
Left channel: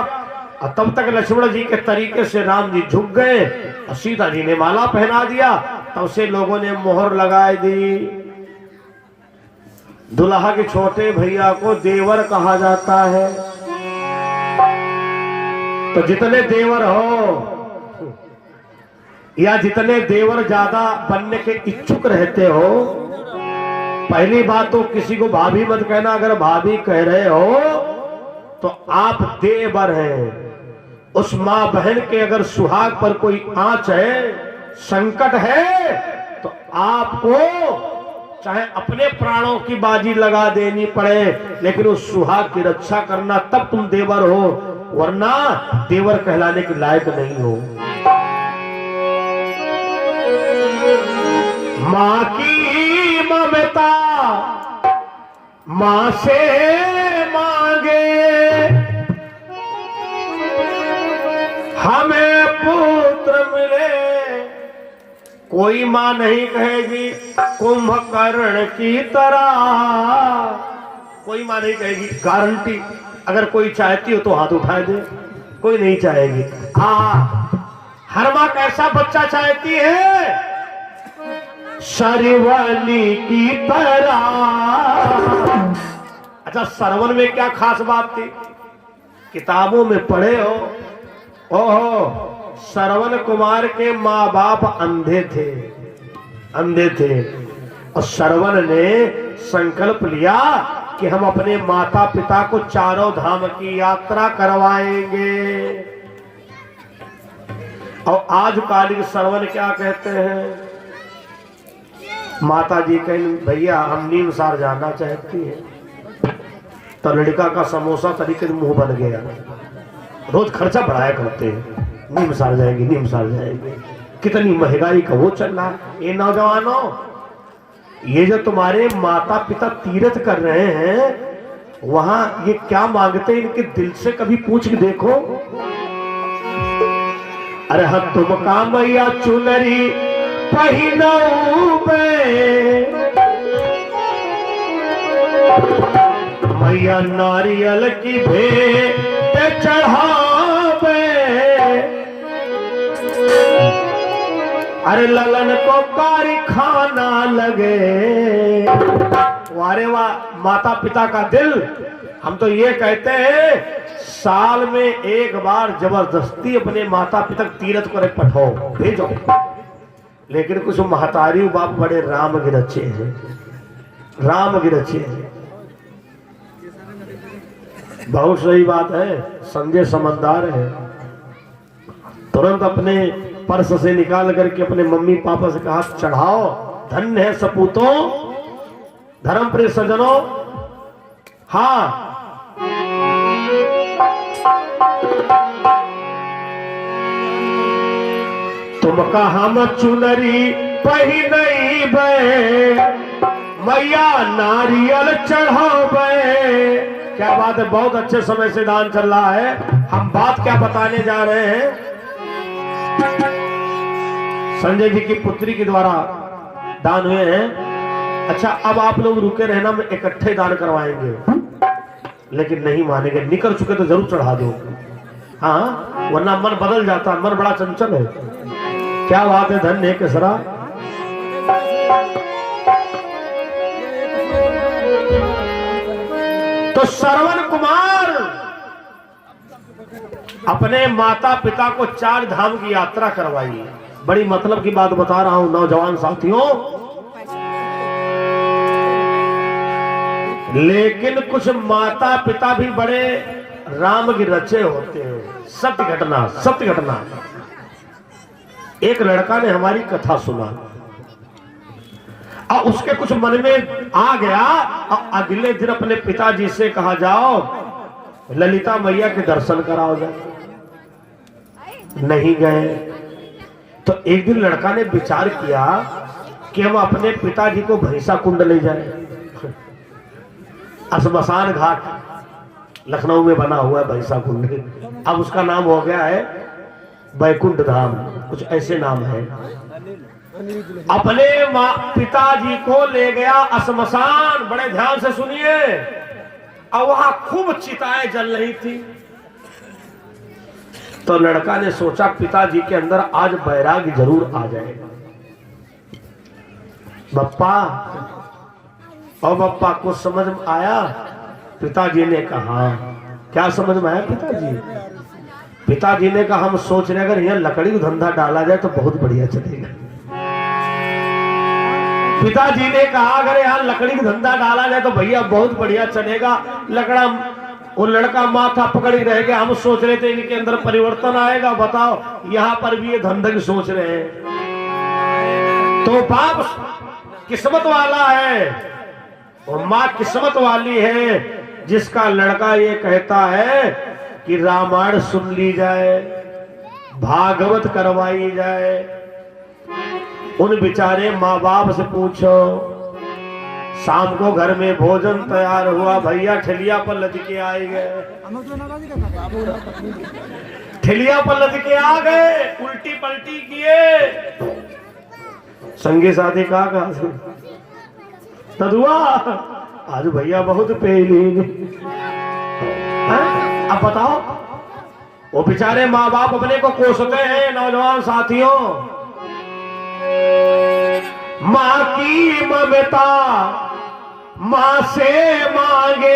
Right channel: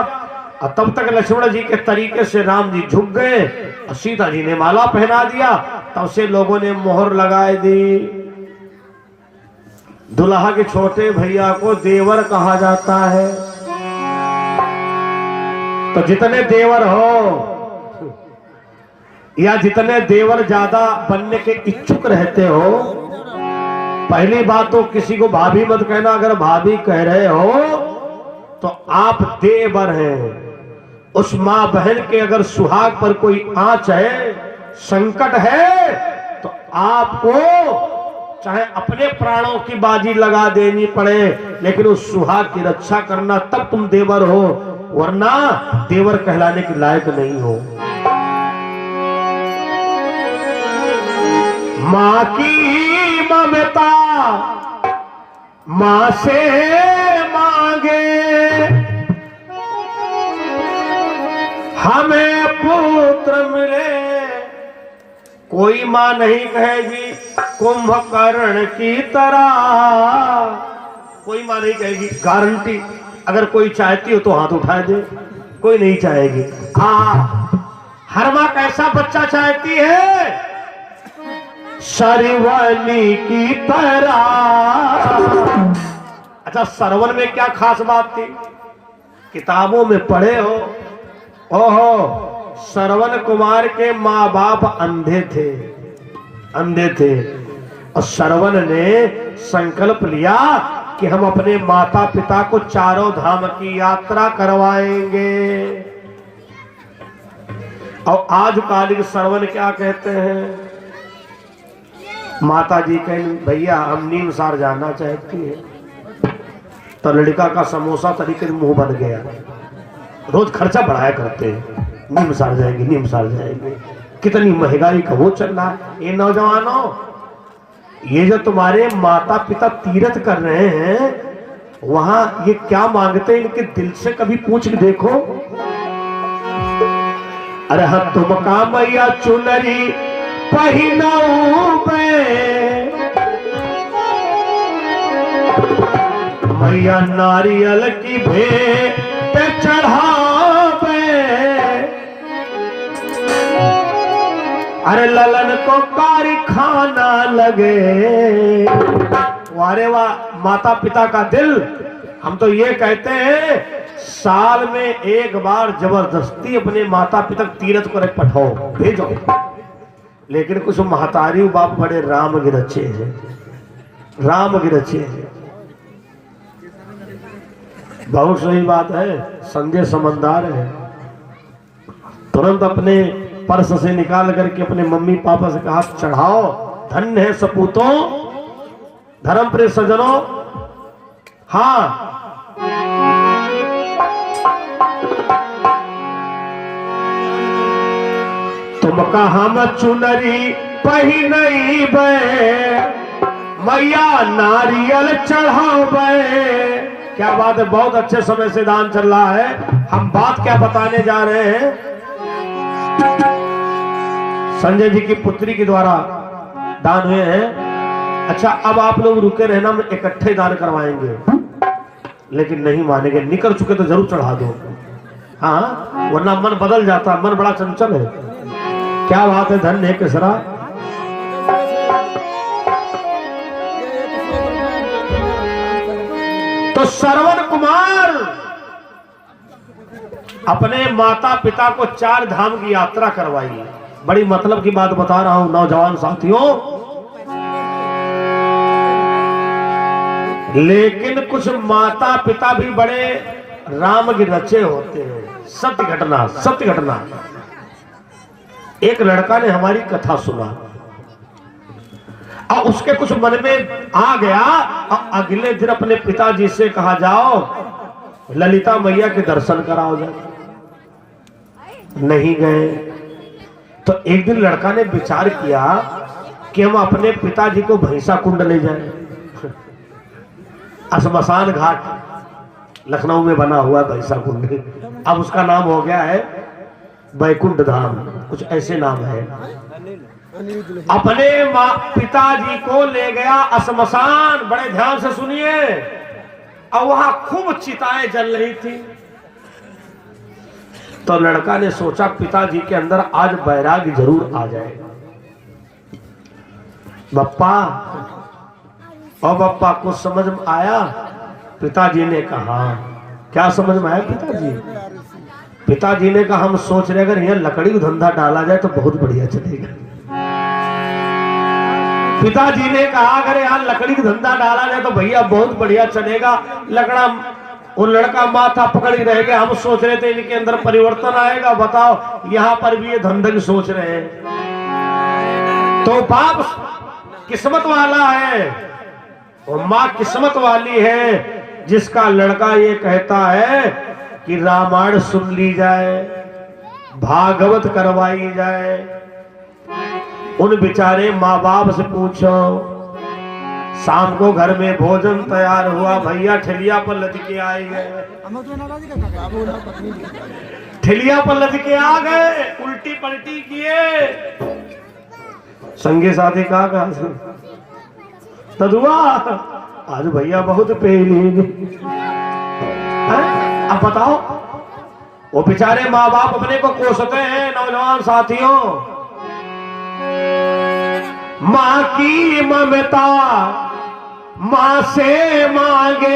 और तब तक लक्ष्मण जी के तरीके से राम जी झुक गए और सीता जी ने माला पहना दिया। तब से लोगों ने मोहर लगाई दी। दुल्हा के छोटे भैया को देवर कहा जाता है। तो जितने देवर हो या जितने देवर ज्यादा बनने के इच्छुक रहते हो, पहली बात तो किसी को भाभी मत कहना। अगर भाभी कह रहे हो तो आप देवर हैं। उस मां बहन के अगर सुहाग पर कोई आंच है, संकट है, तो आपको चाहे अपने प्राणों की बाजी लगा देनी पड़े, लेकिन उस सुहाग की रक्षा करना, तब तुम देवर हो, वरना देवर कहलाने के लायक नहीं हो। मां की ममता मां से मांगे, हमें पुत्र मिले। कोई मां नहीं कहेगी कुंभकर्ण की तरह, कोई मां नहीं कहेगी गारंटी। अगर कोई चाहती हो तो हाथ उठा दे, कोई नहीं चाहेगी। हर मां कैसा बच्चा चाहती है? सरवनी की तरह। अच्छा, सरवन में क्या खास बात थी? किताबों में पढ़े हो, ओहो श्रवण कुमार के माँ बाप अंधे थे, अंधे थे, और श्रवण ने संकल्प लिया कि हम अपने माता पिता को चारों धाम की यात्रा करवाएंगे। और आज कालिक श्रवण क्या कहते हैं, माता जी कहें भैया हम नीमसार जाना चाहती है, तो लड़का का समोसा तरीके मुंह बन गया, रोज खर्चा बढ़ाया करते हैं, नीमसार जाएंगे, नीमसार जाएंगे, कितनी महंगाई का वो चल रहा है। ये नौजवानों, ये जो तुम्हारे माता पिता तीर्थ कर रहे हैं वहां ये क्या मांगते हैं, इनके दिल से कभी पूछ के देखो। अरे हाँ तुम का मैया चुनरी पहिनऊ मैया नारियल की भेंट चढ़ावे, अरे ललन को कारखाना लगे। वारे वाह माता पिता का दिल। हम तो ये कहते हैं साल में एक बार जबरदस्ती अपने माता पिता तीर्थ को पठाओ, भेजो। लेकिन कुछ महतारी बाप बड़े राम गिरचे हैं, राम गिरचे हैं। बहुत सही बात है, संजय समझदार है, तुरंत अपने पर्स से निकाल करके अपने मम्मी पापा से कहा चढ़ाओ, धन्य है सपूतों, धर्म प्रिय सज्जनों। हाँ तुम कहा हम चुनरी पहिनई मैया नारियल चढ़ावे। क्या बात है, बहुत अच्छे समय से दान चल रहा है। हम बात क्या बताने जा रहे हैं, संजय जी की पुत्री के द्वारा दान हुए हैं। अच्छा अब आप लोग रुके रहना, हम इकट्ठे दान करवाएंगे, लेकिन नहीं मानेंगे, निकल चुके तो जरूर चढ़ा दो, हाँ वरना मन बदल जाता, मन बड़ा चंचल है। क्या बात है, धन्य है केसरा। तो श्रवण कुमार अपने माता पिता को 4 धाम की यात्रा करवाई। बड़ी मतलब की बात बता रहा हूं नौजवान साथियों, लेकिन कुछ माता पिता भी बड़े राम के रचे होते हैं। सत्य घटना, सत्य घटना। एक लड़का ने हमारी कथा सुना और उसके कुछ मन में आ गया और अगले दिन अपने पिताजी से कहा जाओ ललिता मैया के दर्शन कराओ जाओ। नहीं गए तो एक दिन लड़का ने विचार किया कि हम अपने पिताजी को भैंसा कुंड ले जाएं। श्मशान घाट लखनऊ में बना हुआ भैंसा कुंड, अब उसका नाम हो गया है बैकुंठ धाम, कुछ ऐसे नाम है। अपने पिताजी को ले गया श्मशान, बड़े ध्यान से सुनिए, और वहां खूब चिताएं जल रही थी। तो लड़का ने सोचा पिताजी के अंदर आज वैराग्य जरूर आ जाएगा। बप्पा और बप्पा को समझ में आया? पिताजी ने कहा क्या समझ में आया पिताजी? पिताजी ने कहा हम सोच रहे अगर यह लकड़ी का धंधा डाला जाए तो बहुत बढ़िया चलेगा। पिताजी ने कहा अगर यहाँ लकड़ी का धंधा डाला जाए तो भैया बहुत बढ़िया चलेगा। लकड़ा वो लड़का माथा पकड़ी रहेगा। हम सोच रहे थे इनके अंदर परिवर्तन आएगा। बताओ यहाँ पर भी ये धंधा की सोच रहे हैं। तो बाप किस्मत वाला है, वो माँ किस्मत वाली है जिसका लड़का ये कहता है कि रामायण सुन ली जाए, भागवत करवाई जाए। उन बेचारे माँ बाप से पूछो, शाम को घर में भोजन तैयार हुआ, भैया ठेलिया पर लटके आए गए, ठेलिया पर लटके आ गए, उल्टी पलटी किए। संगे साथी कहा तदुआ आज भैया बहुत पेली। अब बताओ वो बेचारे माँ बाप अपने को कोसते हैं। नौजवान साथियों, माँ की ममता माँ से मांगे,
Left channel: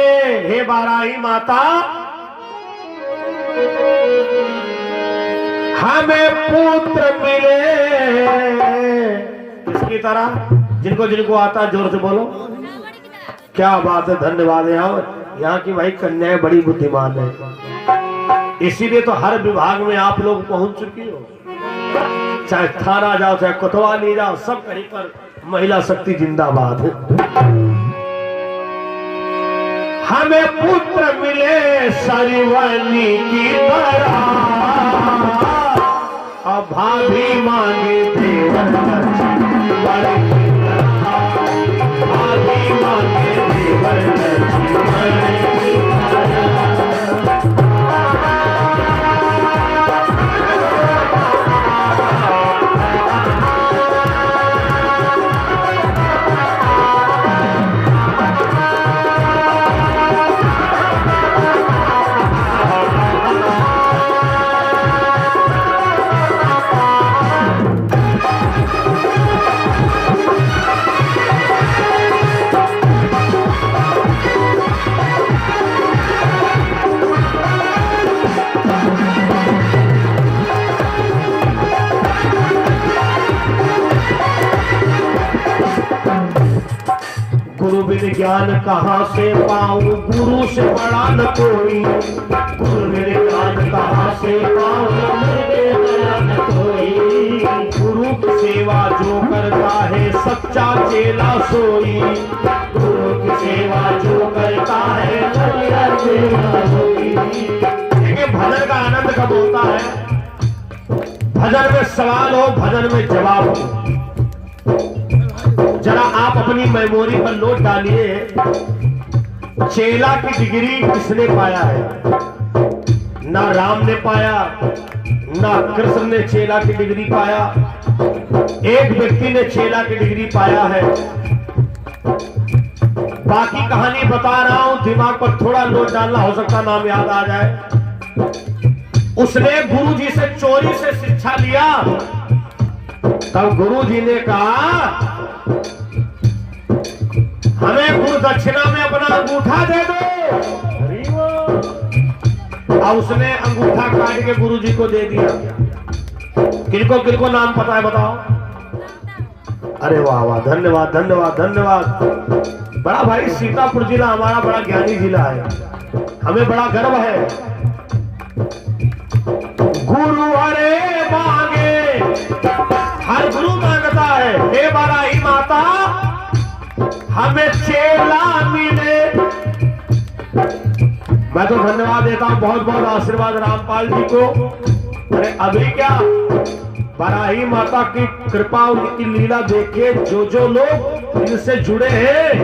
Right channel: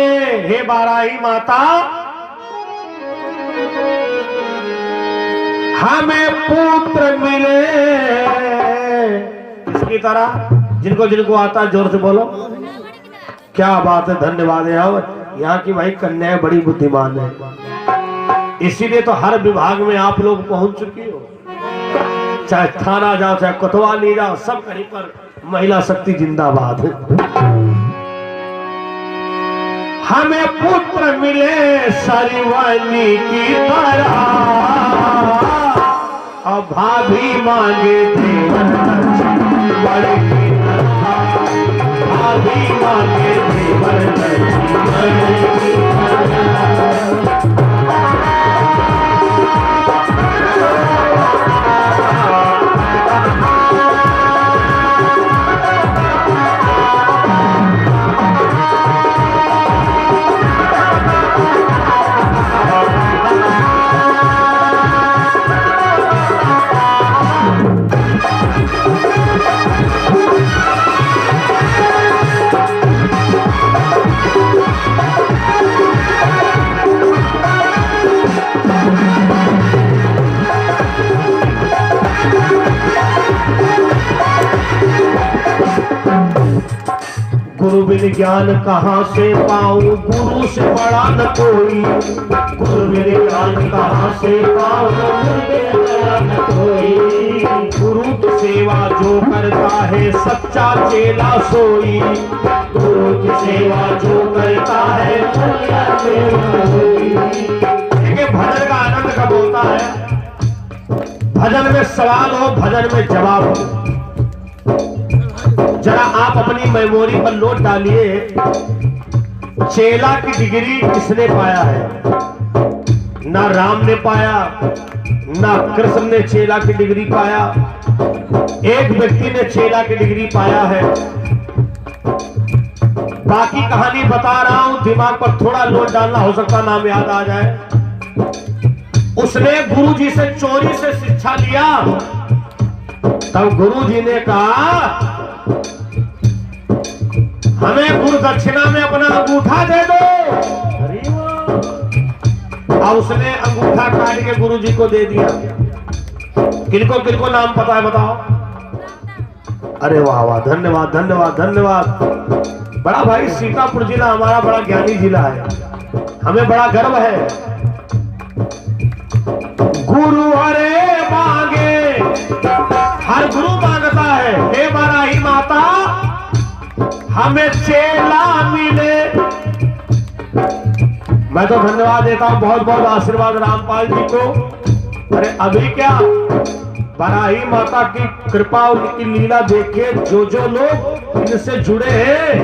हे बाराही माता हमें पुत्र मिले इसकी तरह। जिनको जिनको आता है जोर से बोलो। क्या बात है, धन्यवाद है। यहाँ की भाई कन्याएं बड़ी बुद्धिमान है, इसीलिए तो हर विभाग में आप लोग पहुंच चुकी हो। चाहे थाना जाओ, चाहे कोतवाली जाओ, सब कहीं पर महिला शक्ति जिंदाबाद है। हमें पुत्र मिले सरिवनी की तरह, और भाभी मांगे देवर बड़े की तरह, भाभी मांगे देवर बड़े की तरह। गुरु बिन ज्ञान कहाँ से पाऊं, गुरु से बड़ा न कोई। गुरु बिन ज्ञान कहाँ से पाऊं, गुरु से बड़ा न कोई। गुरु की सेवा जो करता है सच्चा चेला सोई। गुरु की सेवा जो करता है सच्चा चेला सोई। देखिए भजन का आनंद कब होता है? भजन में सवाल हो, भजन में जवाब हो। जरा आप अपनी मेमोरी पर नोट डालिए, चेला की डिग्री किसने पाया है? ना राम ने पाया, ना कृष्ण ने चेला की डिग्री पाया। एक व्यक्ति ने चेला की डिग्री पाया है। बाकी कहानी बता रहा हूं, दिमाग पर थोड़ा नोट डालना, हो सकता नाम याद आ जाए। उसने गुरुजी से चोरी से शिक्षा लिया, तब गुरुजी ने कहा हमें गुरु दक्षिणा में अपना अंगूठा दे दो। और उसने अंगूठा काट के गुरुजी को दे दिया। किनको किनको नाम पता है बताओ? अरे वाह वाह, धन्यवाद धन्यवाद धन्यवाद। बड़ा भाई सीतापुर जिला हमारा बड़ा ज्ञानी जिला है, हमें बड़ा गर्व है। गुरु अरे मांगे, हर गुरु मांगता है, हे बराही माता हमें चेला मिले। मैं तो धन्यवाद देता हूं, बहुत बहुत आशीर्वाद रामपाल जी को। अरे अभी क्या, बराही माता की कृपा और उनकी लीला देखे जो जो लोग इनसे जुड़े हैं,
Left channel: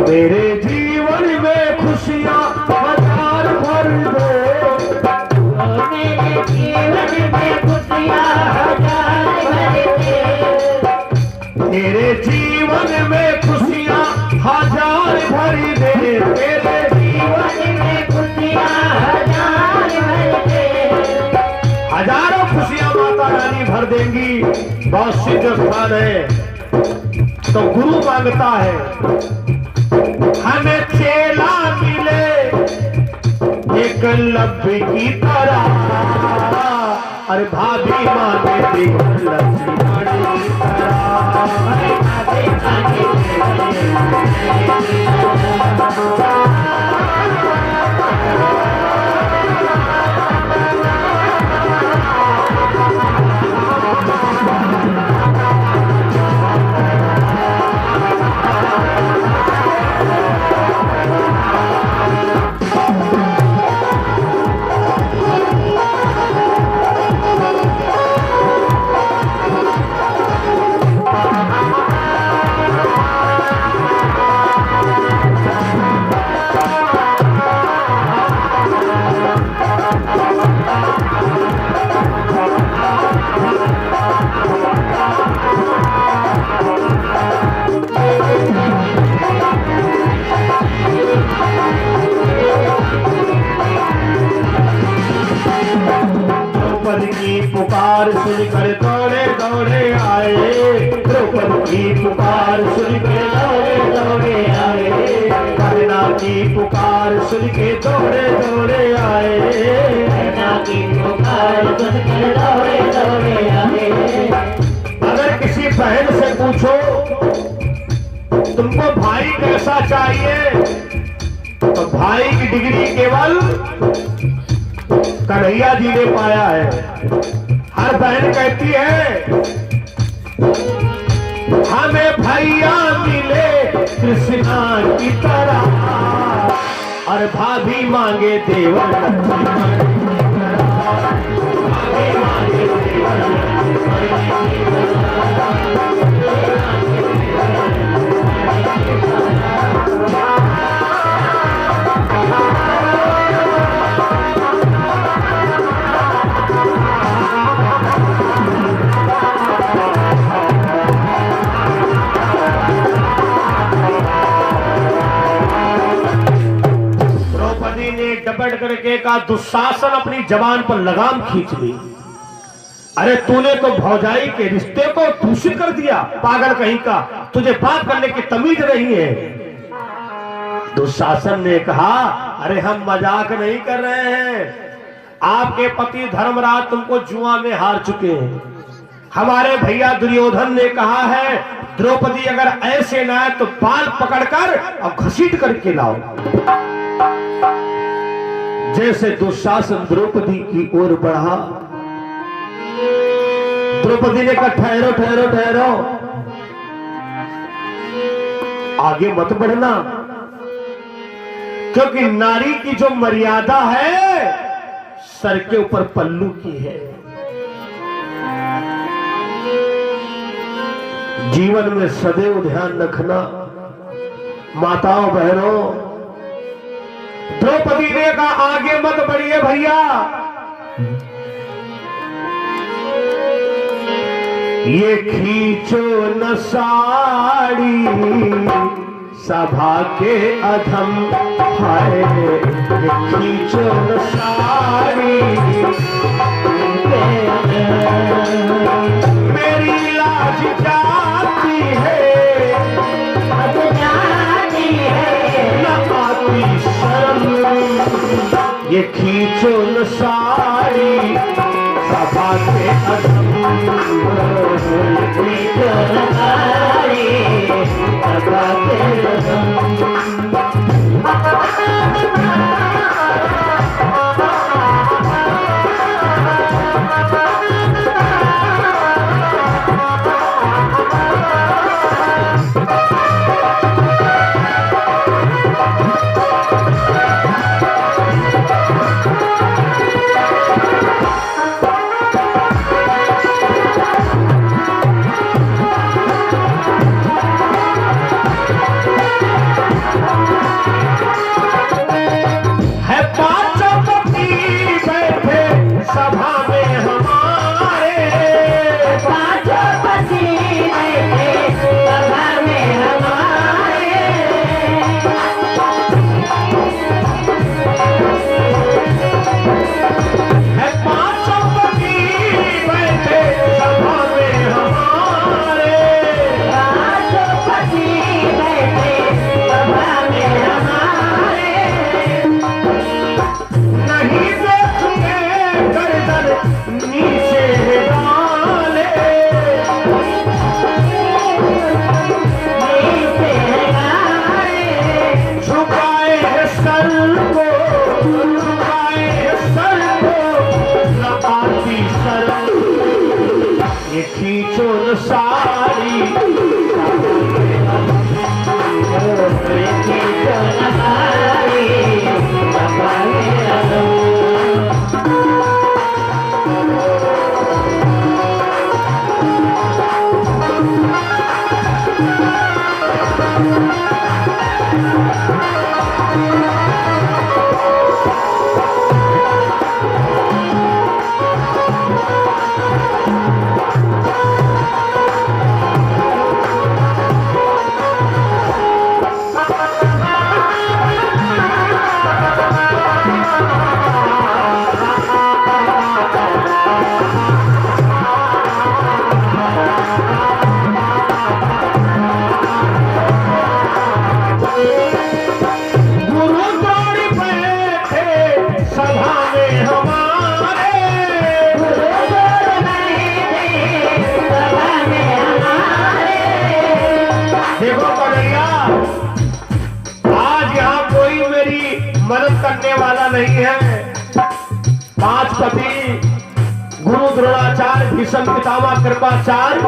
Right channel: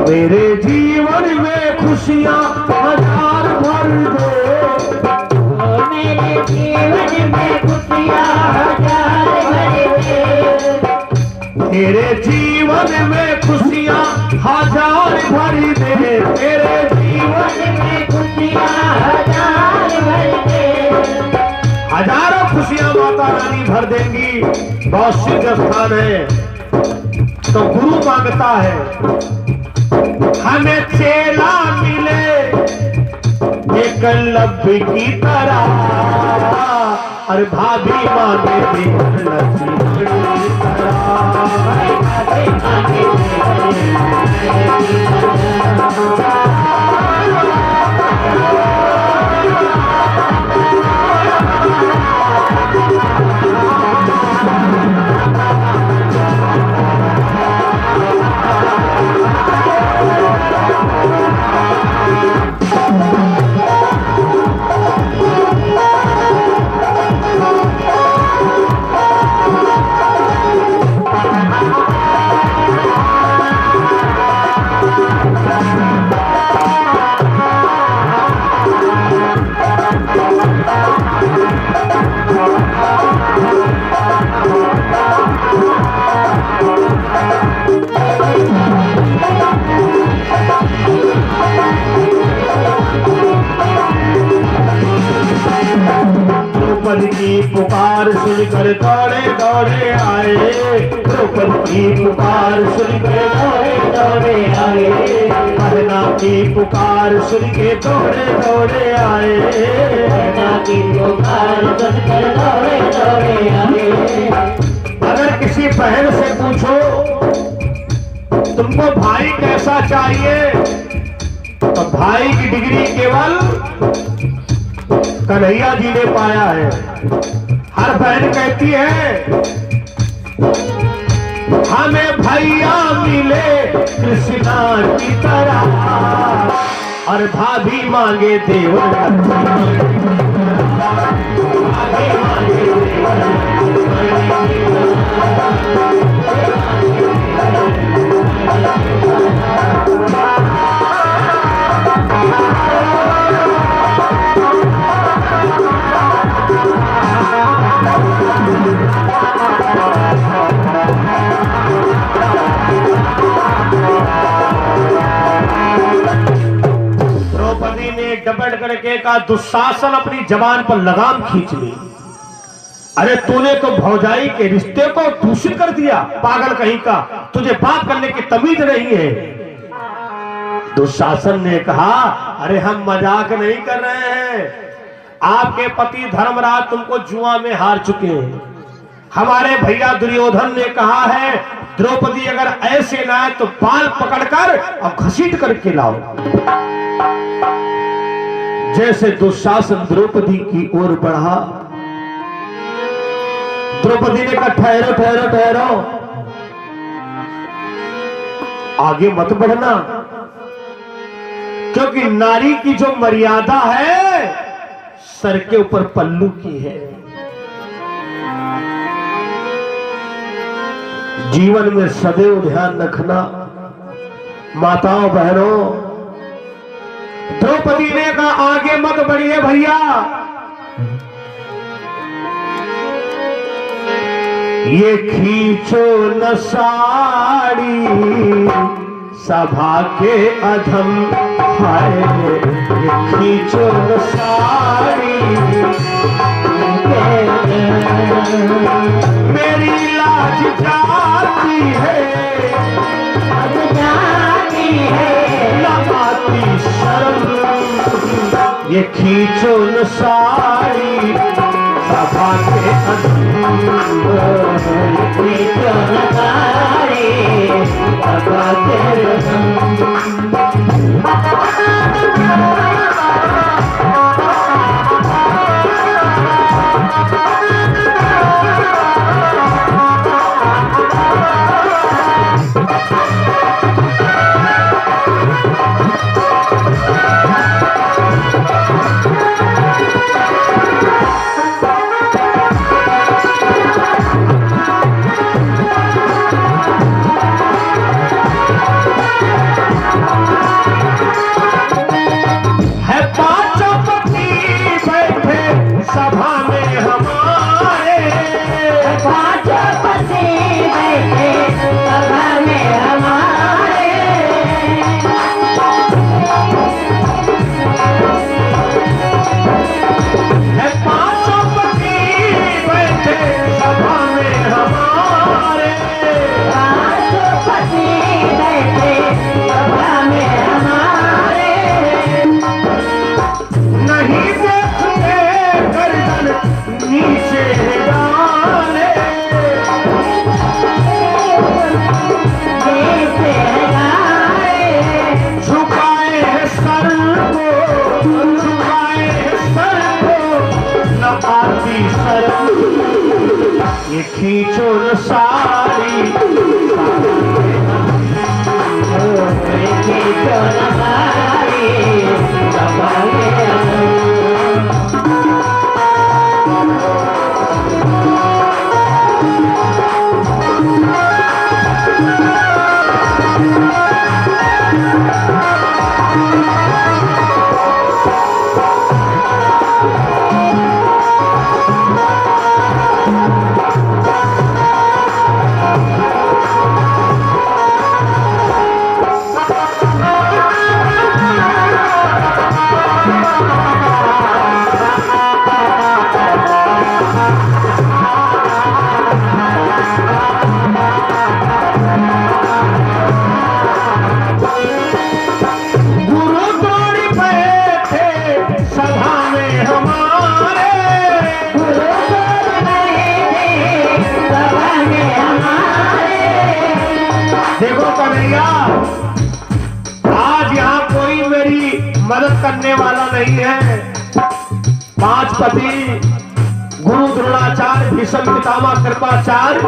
मेरे जीवन में खुशियां हजार भर दे। मेरे जीवन में खुशियां हजार भर दे। तेरे जीवन में खुशियां हजार भरी दे। तेरे जीवन में खुशियां हजार भर दे। हजारों खुशियां माता रानी भर देंगी। बहुत सिद्ध स्थान है। तो गुरु मांगता है हमें चेला मिले एकलव्य की तरह। अरे भाभी मांगे देवर लक्ष्मण की तरह। पुकार सुनकर दौड़े दौड़े आए। द्रौपदी की पुकार सुनकर दौड़े दौड़े आए। कहना की पुकार सुन के दौड़े दौड़े आए, कन्या की पुकार सुनकर दौड़े दौड़े आए। अगर किसी बहन से पूछो तुमको भाई कैसा चाहिए, तो भाई की डिग्री केवल कन्हैया जी ने पाया है। हर बहन कहती है हमें भैया मिले कृष्णा की तरह, और भाभी मांगे देवर भाभी मांगे डपट करके का दुशासन अपनी जबान पर लगाम खींच ली। अरे तूने तो भौजाई के रिश्ते को दूषित कर दिया, पागल कहीं का, तुझे बात करने की तमीज नहीं है। दुशासन ने कहा अरे हम मजाक नहीं कर रहे हैं, आपके पति धर्मराज तुमको जुआ में हार चुके हैं। हमारे भैया दुर्योधन ने कहा है द्रौपदी अगर ऐसे ना आए तो बाल पकड़कर और घसीट करके लाओ। जैसे दुशासन द्रौपदी की ओर बढ़ा, द्रौपदी ने कहा ठहरो ठहरो ठहरो, आगे मत बढ़ना, क्योंकि नारी की जो मर्यादा है सर के ऊपर पल्लू की है। जीवन में सदैव ध्यान रखना माताओं बहनों। द्रौपदी ने कहा आगे मत बढ़िए भैया, ये खींचो न साड़ी सभा के अधम, हाय ये खींचो न साड़ी, मेरी लाज जाती है लगाती शर्म, ये खींचो न साड़ी सभा के खींचो न साड़ी सभा के देखो कन्हैया, आज यहाँ कोई मेरी मदद करने वाला नहीं है। 5 पति गुरु द्रोणाचार्य, भीष्म पितामह कृपाचार्य,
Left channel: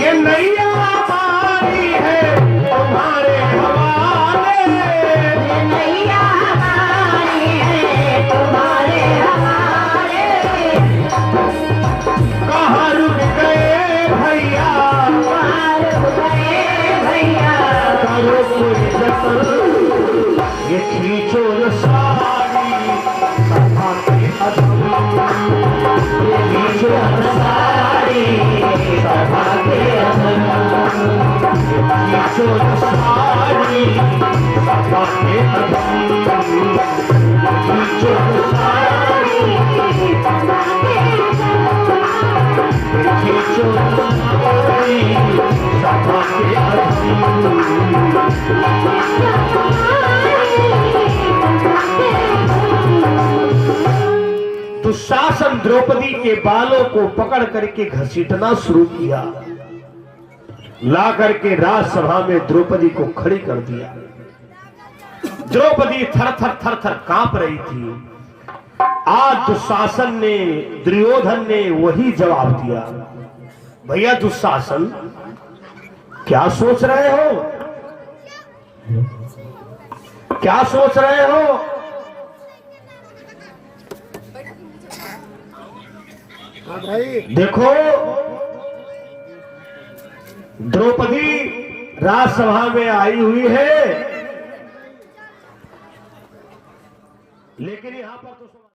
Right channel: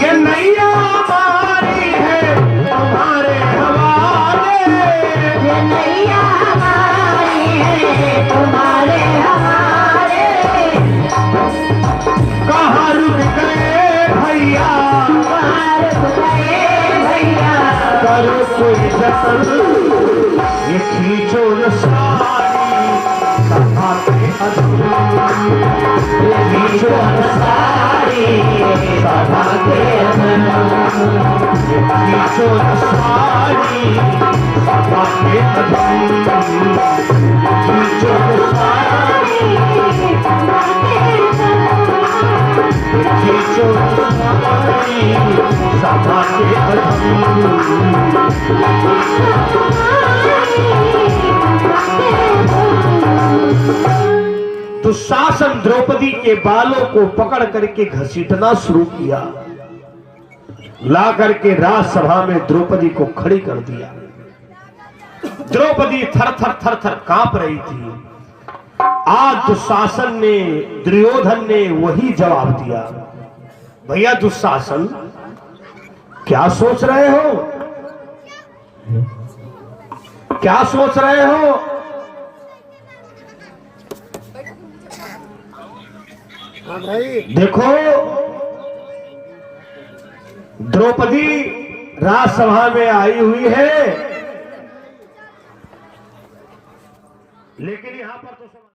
ये नैया हमारी है तुम्हारे हवाले। ये नैया हमारी है तुम्हारे हवाले। कहाँ रुक गए भैया, कहाँ रुक गए भैया, करो कोई जतन, ये खींचो न साड़ी सभा के अधूरी। ये खींचो न साड़ी सभा के अंदर, खींचो न साड़ी सभा के अधूरी। खींचो न साड़ी खींचो न साड़ी सभा के अधूरी। दुशासन द्रौपदी के बालों को पकड़ करके घसीटना शुरू किया, ला करके राजसभा में द्रौपदी को खड़ी कर दिया। द्रौपदी थर थर थर थर कांप रही थी। आज दुशासन ने, दुर्योधन ने वही जवाब दिया। भैया दुशासन, क्या सोच रहे हो, क्या सोच रहे हो? देखो, द्रौपदी राजसभा में आई हुई है, लेकिन यहां पर तो